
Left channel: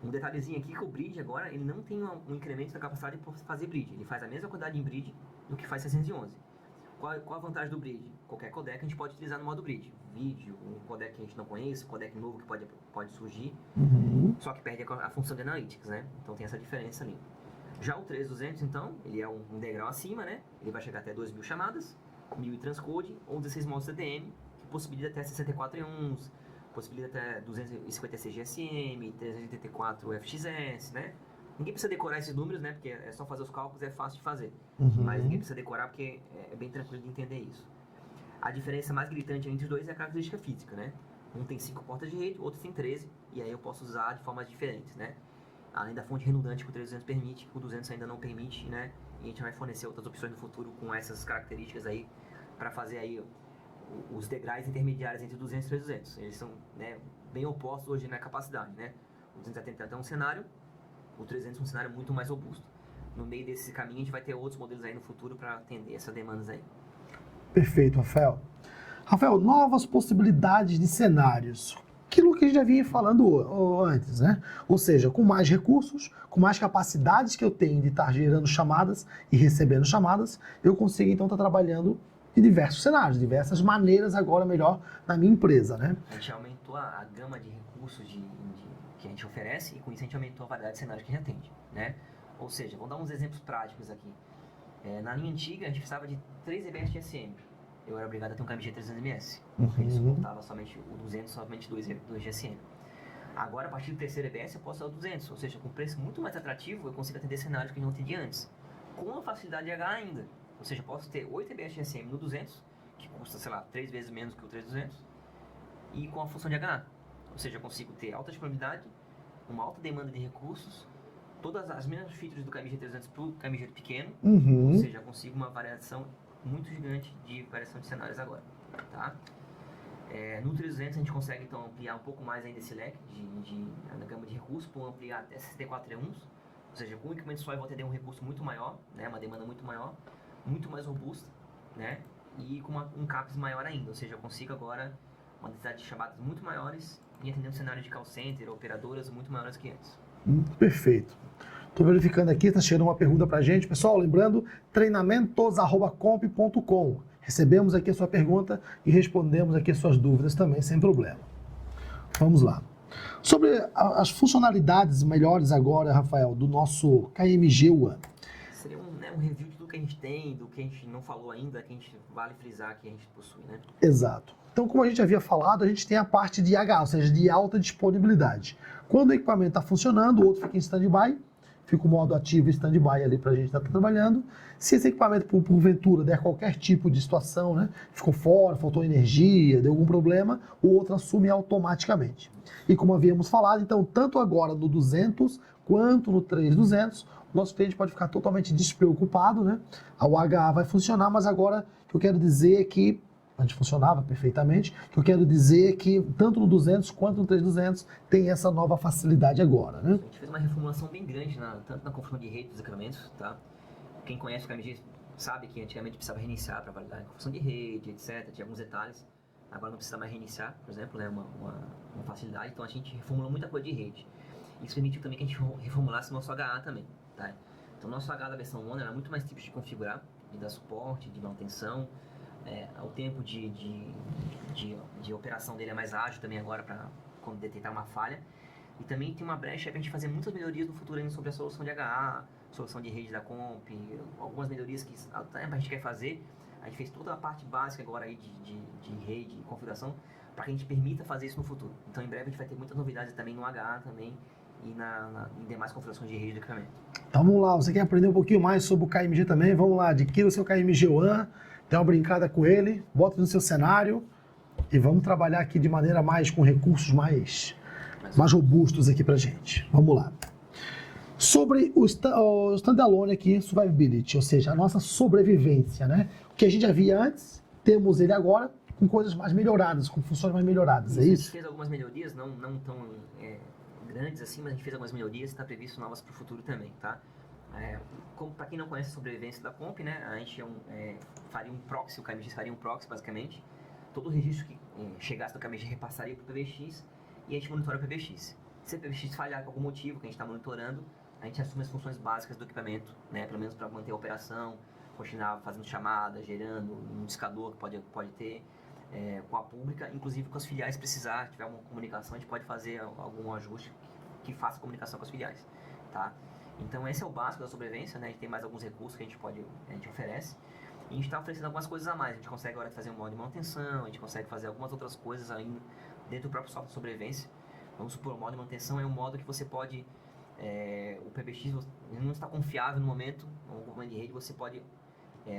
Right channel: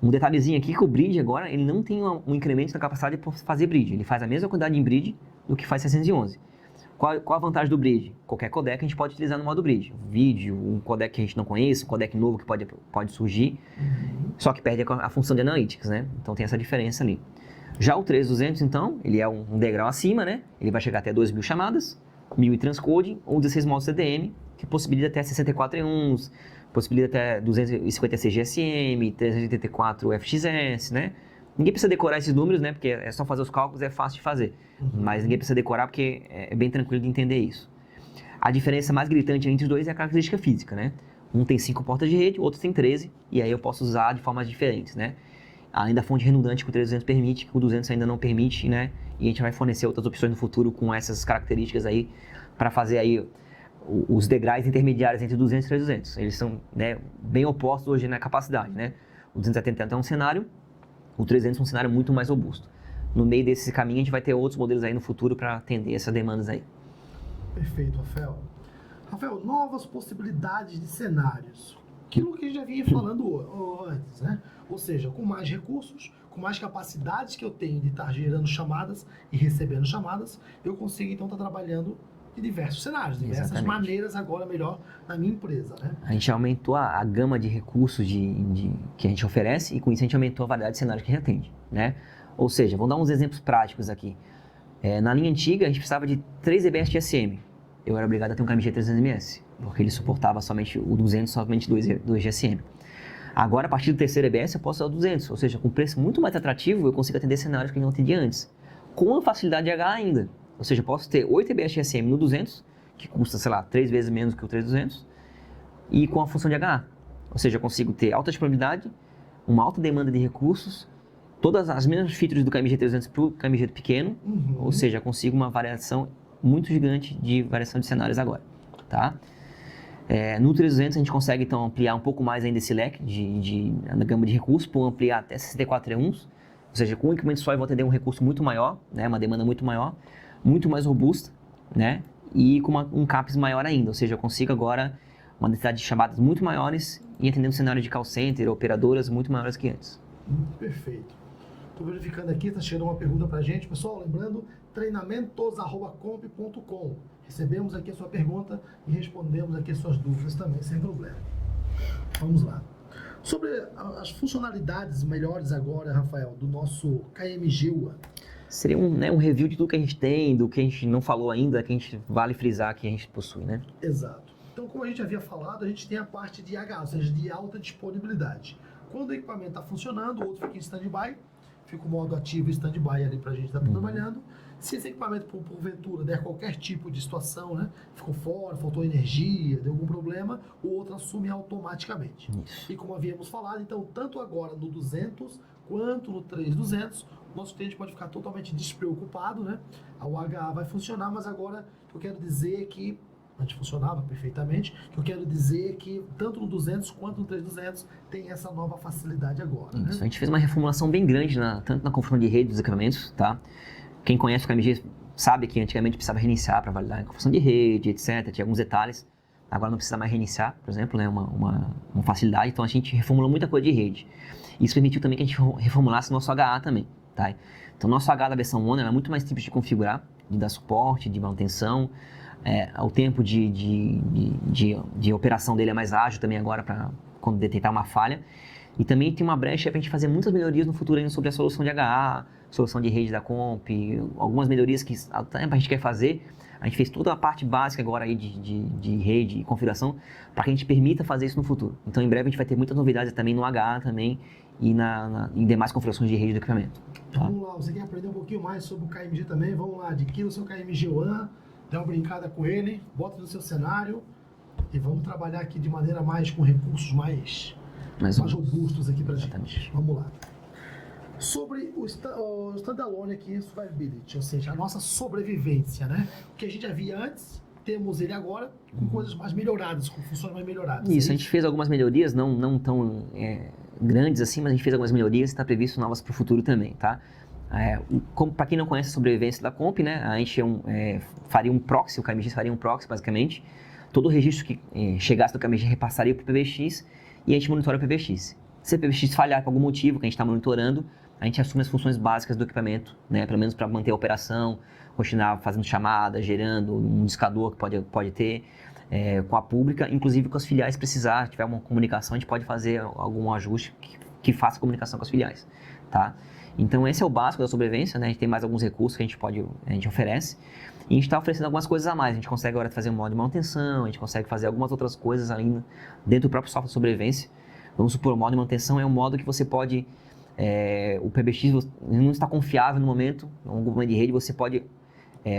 Um detalhezinho aqui que o bridge agora, ele não tem um incremento da capacidade por fazer bridge. Ele faz a mesma quantidade em bridge do que faz 611. Qual a vantagem do bridge? Qualquer codec a gente pode utilizar no modo bridge. Vídeo, um codec que a gente não conhece, um codec novo que pode surgir, só que perde a função de analytics, né? Então, tem essa diferença ali. Já o 3200, então, ele é um degrau acima, né? Ele vai chegar até 2.000 chamadas, 1.000 em transcode ou 16 módulos CDM, que possibilita até 64 E1s, possibilita até 256 GSM, 384 FXS, né? Ninguém precisa decorar esses números, né? Porque é só fazer os cálculos, é fácil de fazer. Mas ninguém precisa decorar porque é bem tranquilo de entender isso. A diferença mais gritante entre os dois é a característica física, né? Um tem 5 portas de rede, o outro tem 13, e aí eu posso usar de formas diferentes, né? Além da fonte redundante que o 300 permite, que o 200 ainda não permite, né? E a gente vai fornecer outras opções no futuro com essas características aí, para fazer aí os degraus intermediários entre 200 e 300. Eles são, né, bem opostos hoje na capacidade, né? O 270 é um cenário, o 300 é um cenário muito mais robusto. No meio desse caminho, a gente vai ter outros modelos aí no futuro para atender essas demandas aí. Perfeito, Rafael. Rafael, novas possibilidades de cenários. Aquilo que a gente já vinha falando antes, né? Ou seja, com mais recursos, com mais capacidades que eu tenho de estar gerando chamadas e recebendo chamadas, eu consigo então estar trabalhando em diversos cenários, diversas maneiras agora melhor na minha empresa, né? A gente aumentou a gama de recursos que a gente oferece e com isso a gente aumentou a variedade de cenários que a gente atende, né? Ou seja, vamos dar uns exemplos práticos aqui. Na linha antiga, a gente precisava de 3 EBS de SM. Eu era obrigado a ter um KMG 300ms, porque ele suportava somente o 200, somente 2 GSM. Agora, a partir do terceiro EBS, eu posso usar o 200, ou seja, com preço muito mais atrativo, eu consigo atender cenários que eu não atendia antes. Com a facilidade de H ainda. Ou seja, eu posso ter 8 EBS de SM no 200, que custa, sei lá, 3 vezes menos que o 3200, e com a função de HA. Ou seja, eu consigo ter alta disponibilidade, uma alta demanda de recursos, todas as mesmas features do KMG 300 para o KMG pequeno, ou seja, eu consigo uma variação muito gigante de variação de cenários agora, tá? No 300 a gente consegue então ampliar um pouco mais ainda esse leque na gama de recursos, por ampliar até 64 E1s, ou seja, com um equipamento só eu vou atender um recurso muito maior, né, uma demanda muito maior, muito mais robusta, né, e com um CAPEX maior ainda, ou seja, eu consigo agora uma densidade de chamadas muito maiores e atender um cenário de call center, operadoras muito maiores que antes. Perfeito. Estou verificando aqui, está chegando uma pergunta para a gente. Pessoal, lembrando, treinamentos@comp.com. Recebemos aqui a sua pergunta e respondemos aqui as suas dúvidas também, sem problema. Vamos lá. Sobre as funcionalidades melhores agora, Rafael, do nosso KMG One. Seria um review de tudo que a gente tem, do que a gente não falou ainda, que a gente vale frisar que a gente possui, né? Exato. Então, como a gente havia falado, a gente tem a parte de IH, ou seja, de alta disponibilidade. Quando o equipamento está funcionando, o outro fica em stand-by, fica o modo ativo e stand-by ali para a gente estar trabalhando. Se esse equipamento, porventura, der qualquer tipo de situação, né, ficou fora, faltou energia, deu algum problema, o outro assume automaticamente. E como havíamos falado, então, tanto agora no 200 quanto no 3200, o nosso cliente pode ficar totalmente despreocupado, né? O HA vai funcionar, mas agora o que eu quero dizer é que antes funcionava perfeitamente. O que eu quero dizer é que tanto no 200 quanto no 3200 tem essa nova facilidade agora, né? Isso, a gente fez uma reformulação bem grande, tanto na configuração de rede dos equipamentos, tá? Quem conhece o KMG sabe que antigamente precisava reiniciar para validar a configuração de rede, etc. Tinha alguns detalhes. Agora não precisa mais reiniciar, por exemplo, né? Uma facilidade. Então a gente reformulou muita coisa de rede. Isso permitiu também que a gente reformulasse o nosso HA também, tá? Então o nosso HA da versão One é muito mais simples de configurar, de dar suporte, de manutenção. O tempo de operação dele é mais ágil também agora para quando detectar uma falha. E também tem uma brecha para a gente fazer muitas melhorias no futuro ainda sobre a solução de HA, solução de rede da Comp, algumas melhorias que até a gente quer fazer. A gente fez toda a parte básica agora aí de rede e configuração para que a gente permita fazer isso no futuro. Então em breve a gente vai ter muitas novidades também no HA também e em demais configurações de rede do equipamento. Então vamos lá, você quer aprender um pouquinho mais sobre o KMG também? Vamos lá, adquira o seu KMG One, dá uma brincada com ele, bota no seu cenário e vamos trabalhar aqui de maneira com recursos mais robustos aqui pra gente. Vamos lá. Sobre o standalone aqui, survivability, ou seja, a nossa sobrevivência, né? O que a gente já via antes, temos ele agora com coisas mais melhoradas, com funções mais melhoradas. Isso, a gente fez algumas melhorias, não tão grandes assim, mas a gente fez algumas melhorias e está previsto novas para o futuro também, tá? Para quem não conhece a sobrevivência da Comp, né, a gente faria um proxy, o KMG faria um proxy basicamente, todo o registro que chegasse do KMG repassaria para o PBX e a gente monitora o PBX. Se o PBX falhar por algum motivo que a gente está monitorando, a gente assume as funções básicas do equipamento, né, pelo menos para manter a operação, continuar fazendo chamadas, gerando um discador que pode ter, com a pública, inclusive com as filiais precisar, se tiver uma comunicação, a gente pode fazer algum ajuste que faça comunicação com as filiais, tá? Então esse é o básico da sobrevivência, né? A gente tem mais alguns recursos que a gente oferece. E a gente está oferecendo algumas coisas a mais. A gente consegue agora fazer um modo de manutenção, a gente consegue fazer algumas outras coisas ainda dentro do próprio software de sobrevivência. Vamos supor, o modo de manutenção é um modo que você pode... o PBX não está confiável no momento, algum momento de rede, você pode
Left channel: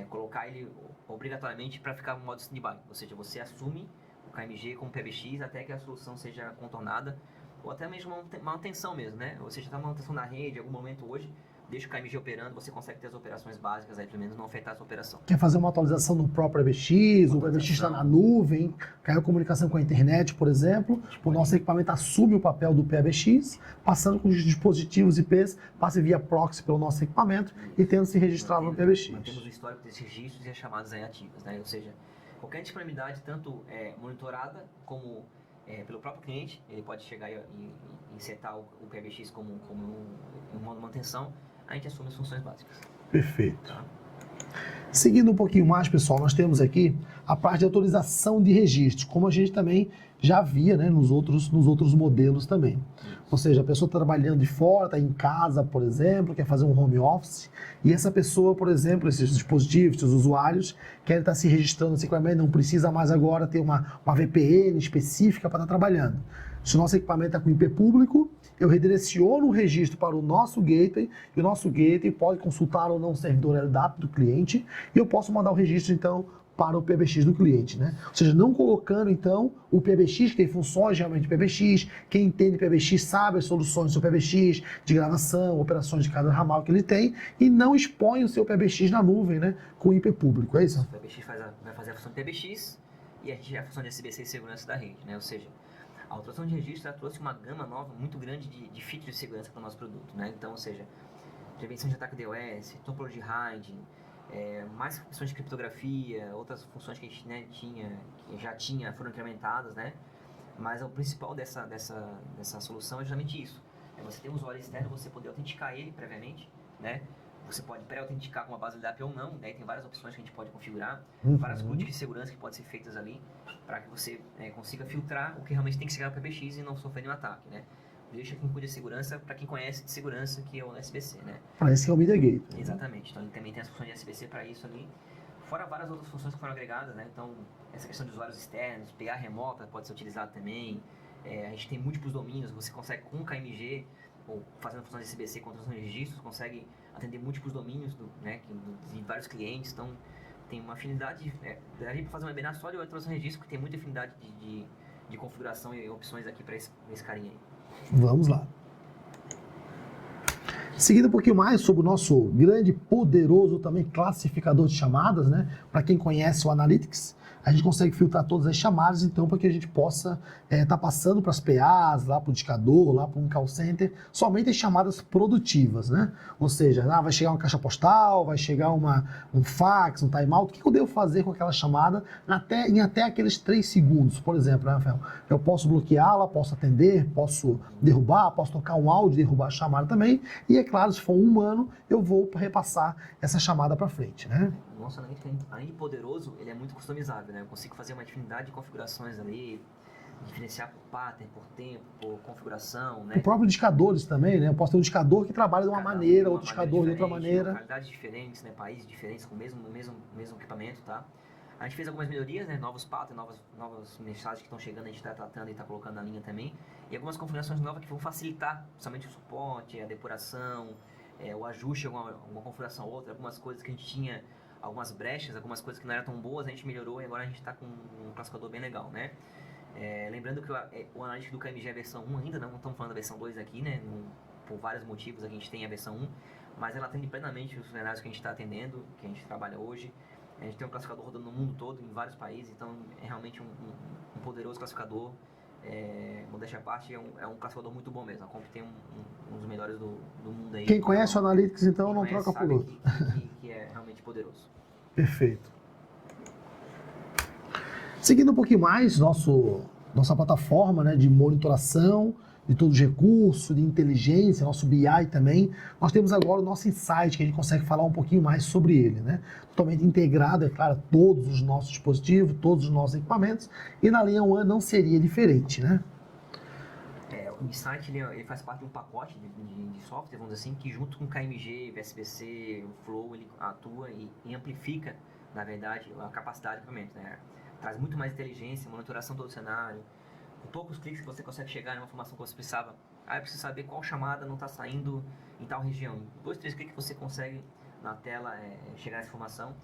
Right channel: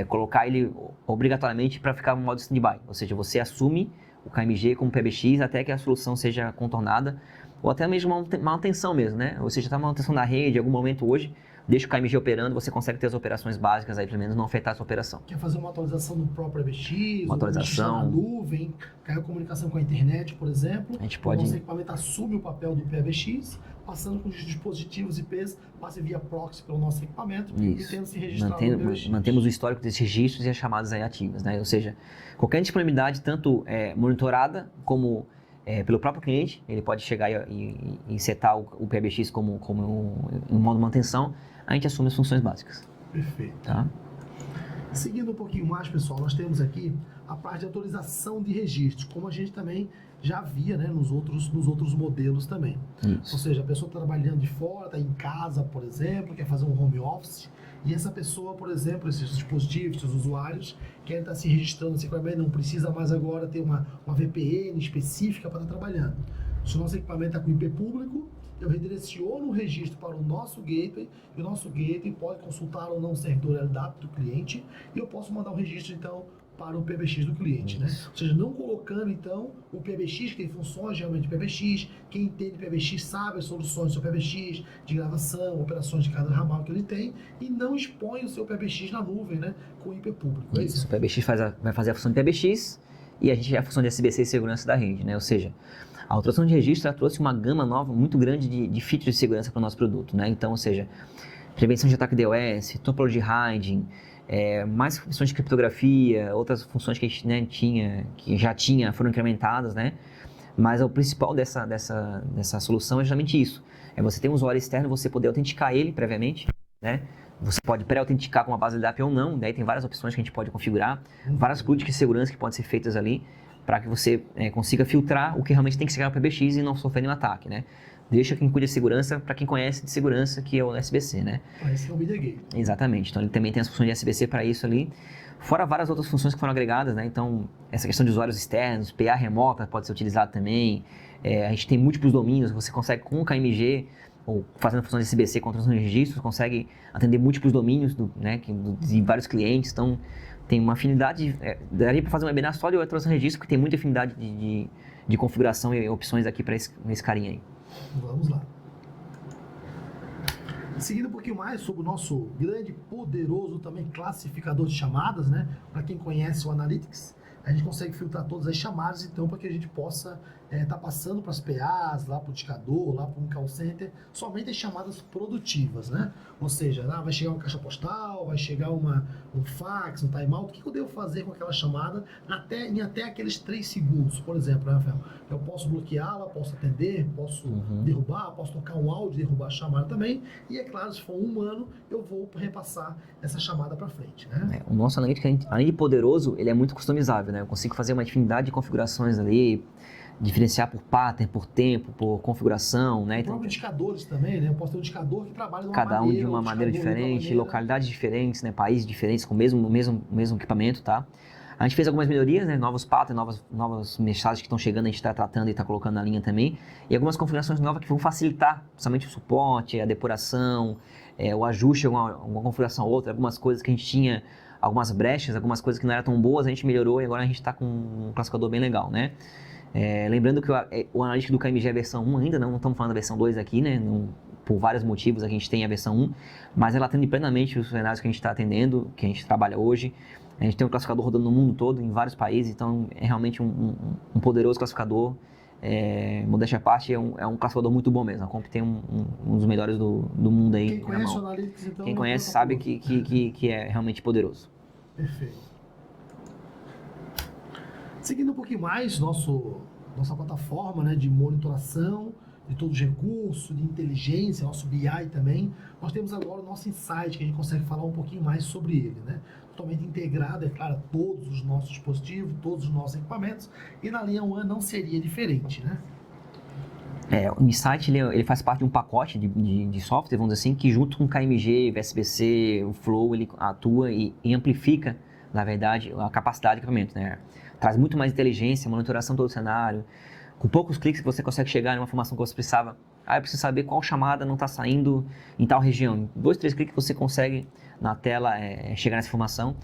colocar ele obrigatoriamente para ficar no modo stand-by. Ou seja, você assume o KMG como PBX até que a solução seja contornada, ou até mesmo manutenção mesmo, né? Ou seja, está manutenção da rede, em algum momento hoje, deixa o KMG operando, você consegue ter as operações básicas aí, pelo menos não afetar essa operação. Quer fazer uma atualização no próprio PBX, ou o PBX está na nuvem, caiu comunicação com a internet, por exemplo, o nosso equipamento assume o papel do PBX, passando com os dispositivos IPs, passa via proxy pelo nosso equipamento e tendo se registrado no PBX. Mantemos o histórico desses registros e as chamadas aí ativas, né? Ou seja, qualquer disponibilidade, tanto monitorada como pelo próprio cliente, ele pode chegar e setar o PBX como um modo de manutenção, a gente assume as funções básicas. Perfeito. Tá? Seguindo um pouquinho mais, pessoal, nós temos aqui a parte de autorização de registros, como a gente também já via, né, nos outros modelos também. Isso. Ou seja, a pessoa está trabalhando de fora, está em casa, por exemplo, quer fazer um home office, e essa pessoa, por exemplo, esses dispositivos, esses usuários, querem estar se registrando no equipamento, não precisa mais agora ter uma VPN específica para estar trabalhando. Se o nosso equipamento está com IP público, eu redireciono o registro para o nosso gateway, e o nosso gateway pode consultar ou não o servidor LDAP do cliente, e eu posso mandar o registro, então, para o PBX do cliente, né? Ou seja, não colocando, então, o PBX, que tem funções realmente de PBX, quem entende PBX sabe as soluções do seu PBX, de gravação, operações de cada ramal que ele tem, e não expõe o seu PBX na nuvem, né? Com IP público, é isso? O PBX vai fazer a função de PBX, e a gente a função de SBC e segurança da rede, né? Ou seja, a autorização de registro trouxe uma gama nova, muito grande de features de segurança para o nosso produto, né? Então, ou seja, prevenção de ataque DOS, topology hiding, mais funções de criptografia, outras funções que a gente, né, que já tinha, foram incrementadas, né? Mas o principal dessa solução é justamente isso. É você ter um usuário externo, você poder autenticar ele previamente, né? Você pode pré-autenticar com uma base de DAP ou não, daí tem várias opções que a gente pode configurar, várias políticas de segurança que podem ser feitas ali, para que você consiga filtrar o que realmente tem que chegar no PBX e não sofrer nenhum ataque, né? Deixa quem cuida de segurança para quem conhece de segurança, que é o SBC, né? Esse é o Media Gate. Exatamente. Então, ele também tem as funções de SBC para isso ali, fora várias outras funções que foram agregadas, né? Então, essa questão de usuários externos, PA remota pode ser utilizado também. A gente tem múltiplos domínios, você consegue com o KMG, ou fazendo função de SBC com transação de registros, consegue atender múltiplos domínios de vários clientes. Então, tem uma afinidade, daria para fazer um webinar só de transação de registro, porque tem muita afinidade de configuração e opções aqui para esse carinha aí. Vamos lá. Seguindo um pouquinho mais sobre o nosso grande, poderoso também classificador de chamadas, né? Para quem conhece o Analytics, a gente consegue filtrar todas as chamadas, então, para que a gente possa estar passando para as PAs, lá para o indicador, lá para um call center, somente as chamadas produtivas, né? Ou seja, vai chegar uma caixa postal, vai chegar um fax, um timeout, o que eu devo fazer com aquela chamada em até aqueles 3 segundos, por exemplo, né, Rafael? Eu posso bloqueá-la, posso atender, posso derrubar, posso tocar um áudio e derrubar a chamada também, e é claro, se for um humano, eu vou repassar essa chamada para frente, né? O nosso Analytics, além de poderoso, ele é muito customizável, né? Eu consigo fazer uma infinidade de configurações ali, diferenciar por pattern, por tempo, por configuração, né? O próprio indicadores também, né? Eu posso ter um indicador que trabalha de uma maneira, de uma maneira diferente, localidades diferentes, né? Países diferentes com o mesmo equipamento, tá? A gente fez algumas melhorias, né? Novos patterns, novas mensagens que estão chegando, a gente está tratando e está colocando na linha também. E algumas configurações novas que vão facilitar, principalmente o suporte, a depuração, o ajuste de alguma configuração ou outra, algumas coisas que a gente tinha, algumas brechas, algumas coisas que não eram tão boas, a gente melhorou e agora a gente está com um classificador bem legal, né? Lembrando que o analítico do KMG é a versão 1 ainda, não estamos falando da versão 2 aqui, né? Por vários motivos a gente tem a versão 1, mas ela atende plenamente os cenários que a gente está atendendo, que a gente trabalha hoje. A gente tem um classificador rodando no mundo todo, em vários países, então é realmente um poderoso classificador. Modéstia à parte, é um classificador muito bom mesmo. A Comp tem um dos melhores do mundo aí. Quem conhece o Analytics, então, quem conhece sabe que é realmente poderoso. Perfeito. Seguindo um pouquinho mais, nossa plataforma, né, de monitoração de todos os recursos, de inteligência, nosso BI também, nós temos agora o nosso Insight, que a gente consegue falar um pouquinho mais sobre ele, né? Totalmente integrado, é claro, todos os nossos dispositivos, todos os nossos equipamentos, e na linha One não seria diferente, né? O Insight ele faz parte de um pacote de software, vamos dizer assim, que junto com o KMG, o SBC, o Flow, ele atua e amplifica na verdade, a capacidade do equipamento, né? Traz muito mais inteligência, monitoração todo o cenário. Com poucos cliques você consegue chegar em uma informação que você precisava. Eu preciso saber qual chamada não está saindo em tal região. Em 2, 3 cliques você consegue na tela chegar nessa informação.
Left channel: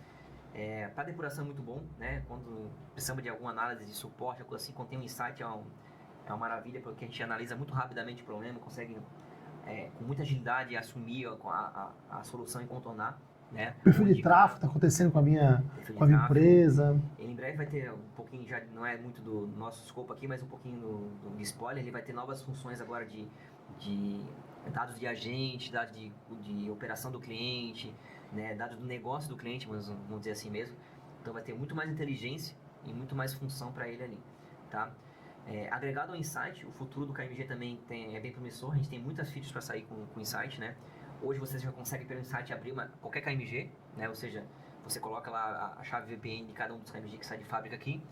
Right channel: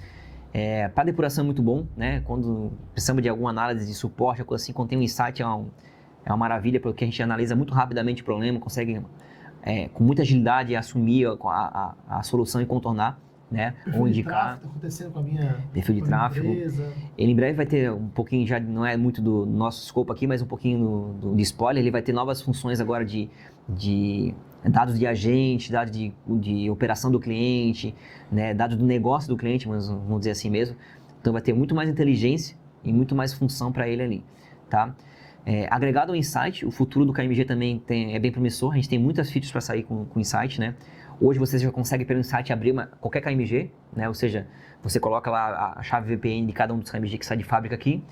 Para depuração é muito bom, né? Quando precisamos de alguma análise de suporte, coisa assim, quando tem um insight é uma maravilha, porque a gente analisa muito rapidamente o problema, consegue com muita agilidade assumir a solução e contornar. Né? Perfil de tráfego está acontecendo com a minha empresa. Ele em breve vai ter um pouquinho, já não é muito do nosso escopo aqui, mas um pouquinho de spoiler. Ele vai ter novas funções agora de dados de agente, dados de operação do cliente, né? Dados do negócio do cliente, mas vamos dizer assim mesmo. Então vai ter muito mais inteligência e muito mais função para ele ali. Tá? Agregado ao Insight, o futuro do KMG também é bem promissor. A gente tem muitas features para sair com o Insight, né? Hoje você já consegue pelo Insight abrir qualquer KMG, né? Ou seja, você coloca lá a chave VPN de cada um dos KMG que sai de fábrica aqui,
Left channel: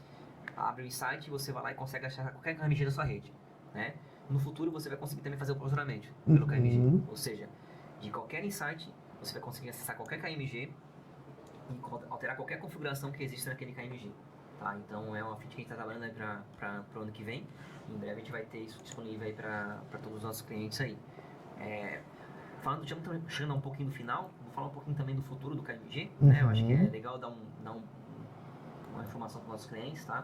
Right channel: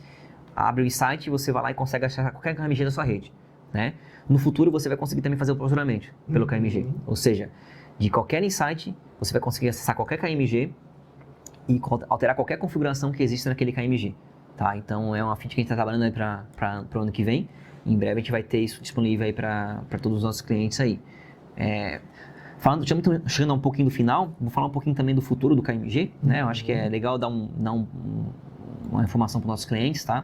abre o Insight e você vai lá e consegue achar qualquer KMG da sua rede, né? No futuro você vai conseguir também fazer o posicionamento pelo KMG, ou seja, de qualquer Insight você vai conseguir acessar qualquer KMG e alterar qualquer configuração que existe naquele KMG, tá? Então é uma feature que a gente está trabalhando aí para o ano que vem. Em breve a gente vai ter isso disponível aí para todos os nossos clientes aí. Chegando um pouquinho do final, vou falar um pouquinho também do futuro do KMG, né? Eu acho que é legal dar uma informação para os nossos clientes, tá?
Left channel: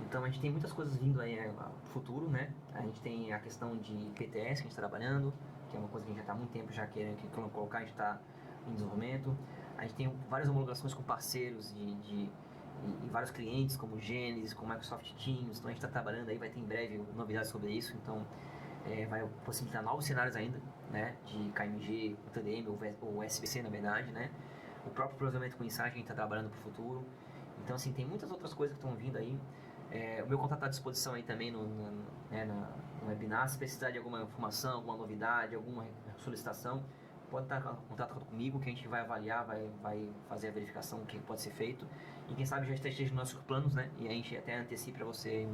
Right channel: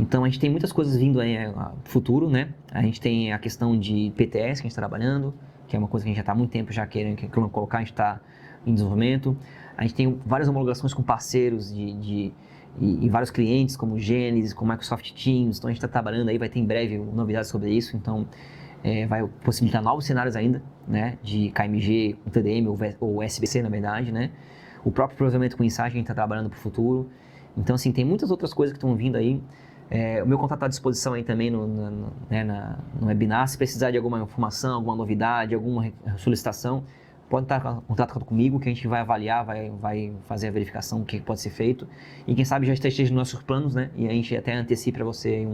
Então, a gente tem muitas coisas vindo aí no futuro, né? A gente tem a questão de PTS que a gente está trabalhando, que é uma coisa que a gente já está há muito tempo já querendo colocar, a gente está em desenvolvimento. A gente tem várias homologações com parceiros e vários clientes, como Genesys, como Microsoft Teams. Então, a gente está trabalhando aí, vai ter em breve novidades sobre isso. Então, vai possibilitar novos cenários ainda, né, de KMG com TDM ou SBC, na verdade, né, o próprio processamento com Insight a gente está trabalhando para o futuro. Então, assim, tem muitas outras coisas que estão vindo aí. O meu contato está à disposição aí também no webinar. Se precisar de alguma informação, alguma novidade, alguma solicitação, pode estar em contato comigo que a gente vai avaliar, vai fazer a verificação do que pode ser feito. E quem sabe já esteja nos nossos planos, né, e a gente até antecipa para você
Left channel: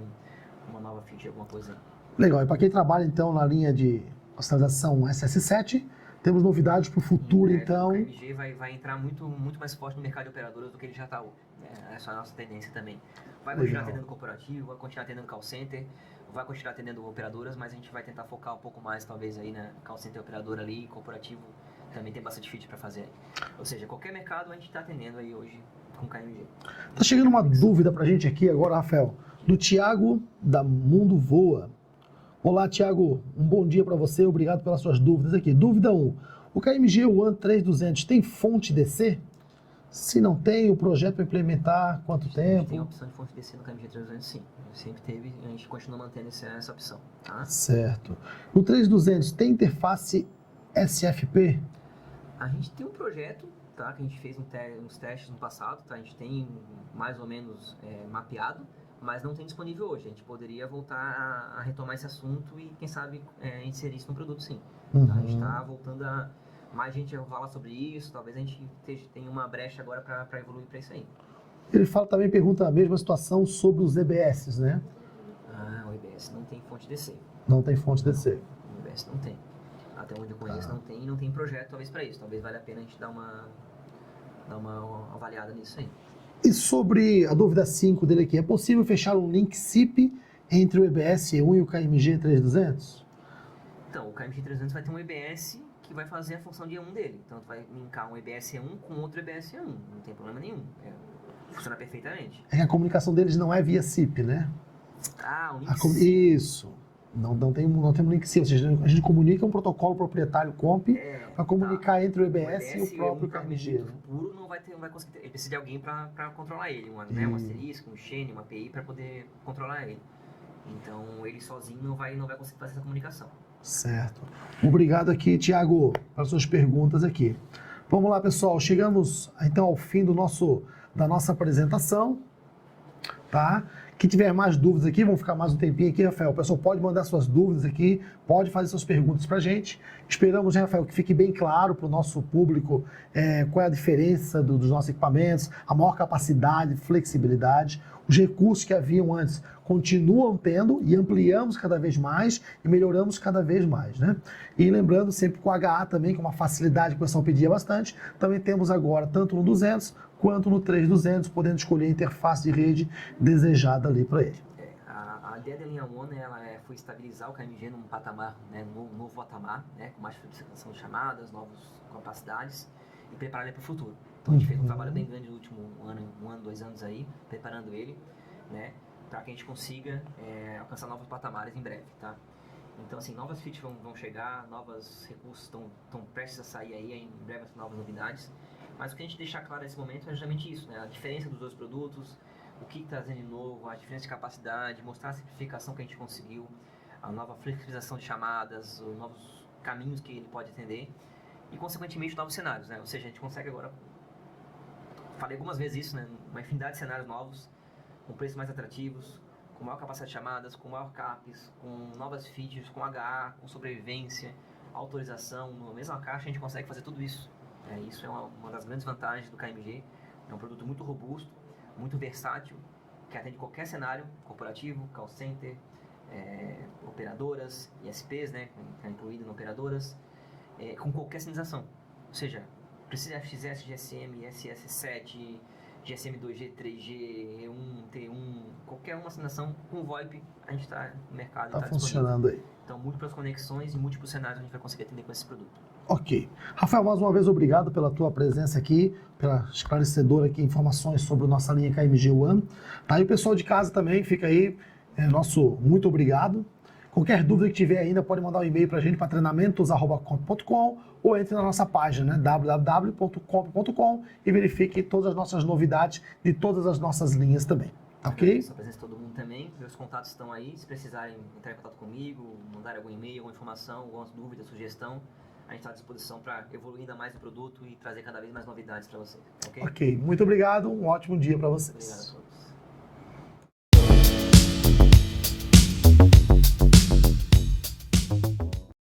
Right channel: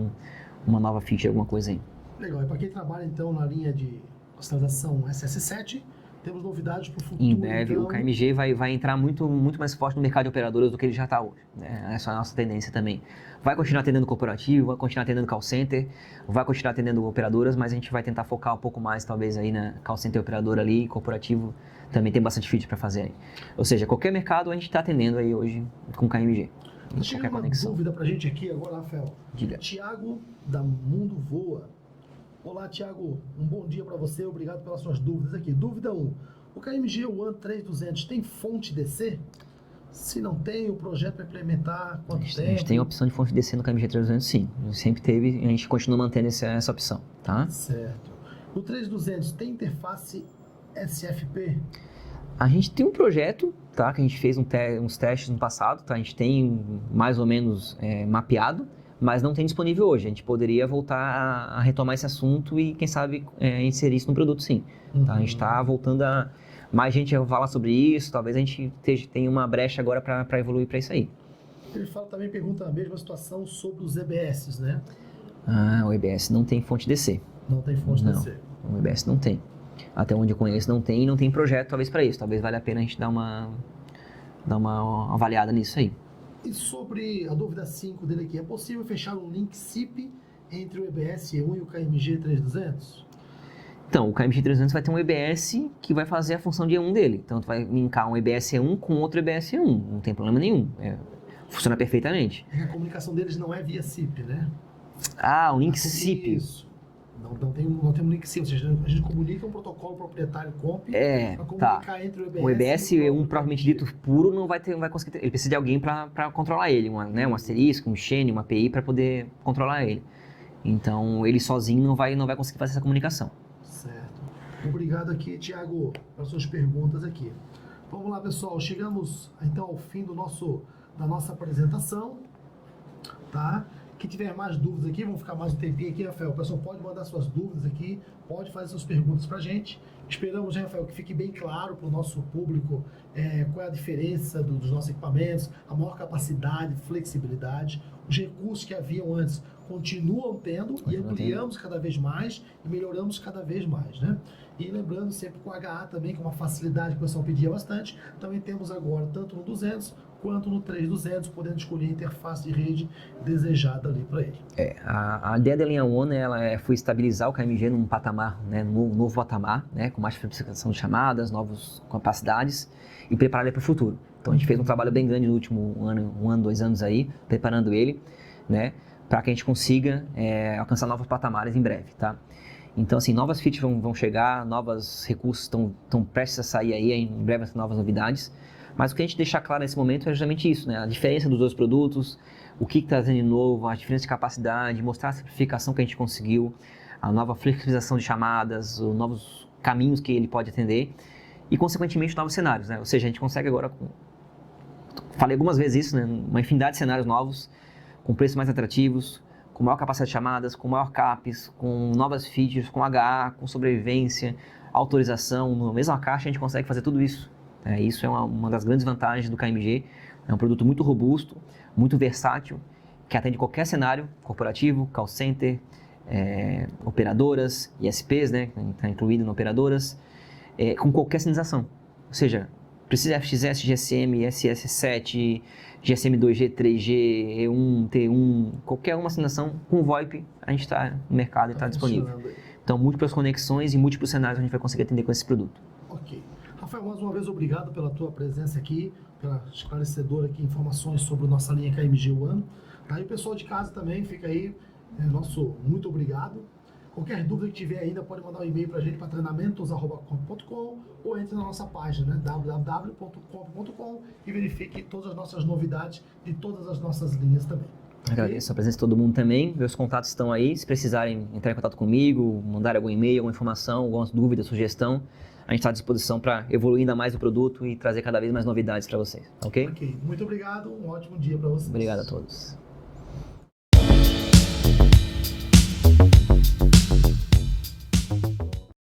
uma nova feature, alguma coisa aí. Legal, e para quem trabalha então na linha de hospitalização SS7, temos novidades para o futuro. Em breve, então o KMG vai entrar muito mais forte no mercado de operadoras do que ele já está hoje, né? Essa é a nossa tendência também. Vai continuar atendendo corporativo, vai continuar atendendo call center, vai continuar atendendo operadoras, mas a gente vai tentar focar um pouco mais talvez aí na call center operadora ali, corporativo também tem bastante feature para fazer aí. Ou seja, qualquer mercado a gente está atendendo aí hoje com KMG. Tá chegando uma dúvida para a gente aqui agora, Rafael, do Thiago da Mundo Voa. Olá, Thiago, um bom dia para você, obrigado pelas suas dúvidas aqui. Dúvida 1, o KMG One 3200 tem fonte DC? Se não tem, o projeto para implementar quanto tempo? A gente tem a opção de fonte DC no KMG 3200, sim. Sempre teve e a gente continua mantendo essa opção, tá? Certo. No 3200 tem interface SFP? A gente tem um projeto, tá? Que a gente fez uns testes no passado, tá? A gente tem mais ou menos mapeado, mas não tem disponível hoje. A gente poderia voltar a retomar esse assunto e, quem sabe, inserir isso no produto, sim. Tá? A gente está voltando a... Mais gente vai falar sobre isso, talvez a gente tenha uma brecha agora para evoluir para isso aí. Ele também pergunta a mesma situação sobre os EBS, né? O EBS não tem fonte DC. Não tem fonte DC. O EBS não tem. Até onde eu conheço não tem, e não tem projeto talvez para isso. Talvez valha a pena a gente dar uma avaliada nisso aí. E sobre a dúvida 5 dele aqui, é possível fechar um link SIP entre o EBS E1 e o KMG 3200? Então, o KMG 3200 vai ter um EBS que vai fazer a função de E1 dele. Então, tu vai linkar um EBS E1 com outro EBS E1. Não tem problema nenhum. Funciona perfeitamente. É que a comunicação deles não é via SIP, né? O link SIP. Isso. Não tem um link SIP. Ou seja, a gente comunica um protocolo proprietário COMP para comunicar entre o EBS e o EBS E1 propriamente dito puro não vai conseguir. Ele precisa de alguém para controlar ele. Um asterisco, um chain, uma API para poder controlar ele. Então, ele sozinho não vai conseguir fazer essa comunicação. Certo. Obrigado aqui, Thiago, pelas suas perguntas aqui. Vamos lá, pessoal. Chegamos, então, ao fim da nossa apresentação, tá? Quem tiver mais dúvidas aqui, vamos ficar mais um tempinho aqui, Rafael. O pessoal pode mandar suas dúvidas aqui, pode fazer suas perguntas para a gente. Esperamos, né, Rafael, que fique bem claro para o nosso público qual é a diferença dos nossos equipamentos, a maior capacidade, flexibilidade, os recursos que haviam antes continuam tendo e ampliamos cada vez mais e melhoramos cada vez mais, né? E lembrando sempre com o HA também, que é uma facilidade que o pessoal pedia bastante, também temos agora tanto no 200 quanto no 3200, podendo escolher a interface de rede desejada ali para ele. A ideia da linha One, foi estabilizar o KMG num patamar, né, num novo patamar, né, com mais simplificação de chamadas, novas capacidades e preparar ele para o futuro. Então a gente fez um trabalho bem grande no último ano, 2 anos aí, preparando ele, né, para que a gente consiga alcançar novos patamares em breve, tá? Então, assim, novas features vão chegar, novos recursos estão prestes a sair aí, em breve novas novidades. Mas o que a gente deixar claro nesse momento é justamente isso, né? A diferença dos dois produtos, o que está trazendo de novo, a diferença de capacidade, mostrar a simplificação que a gente conseguiu, a nova flexibilização de chamadas, os novos caminhos que ele pode atender e, consequentemente, novos cenários, né? Ou seja, a gente consegue agora, falei algumas vezes isso, né? Uma infinidade de cenários novos, com preços mais atrativos, com maior capacidade de chamadas, com maior CAPES, com novas features, com HA, com sobrevivência, autorização. Na mesma caixa a gente consegue fazer tudo isso. Isso é uma das grandes vantagens do KMG. É um produto muito robusto, muito versátil, que atende qualquer cenário corporativo, call center, operadoras, ISPs, né, que está incluído em operadoras, com qualquer sinalização. Ou seja, precisa FXS, GSM, SS7, GSM 2G, 3G, E1, T1, qualquer uma sinalização com VoIP, a gente está no mercado e está disponível. Aí. Então, múltiplas conexões e múltiplos cenários a gente vai conseguir atender com esse produto. Ok. Rafael, mais uma vez, obrigado pela tua presença aqui, pela esclarecedora aqui, informações sobre nossa linha KMG One. Tá? E o pessoal de casa também, fica aí, nosso muito obrigado. Qualquer dúvida que tiver ainda, pode mandar um e-mail para a gente para treinamentos@comp.com ou entre na nossa página, né, www.comp.com, e verifique todas as nossas novidades de todas as nossas linhas também. Okay? Agradeço a presença de todo mundo também. Meus contatos estão aí. Se precisarem entrar em contato comigo, mandar algum e-mail, alguma informação, alguma dúvida, sugestão, a gente está à disposição para evoluir ainda mais o produto e trazer cada vez mais novidades para vocês. Ok? Ok. Muito obrigado. Um ótimo dia para vocês. Obrigado a todos.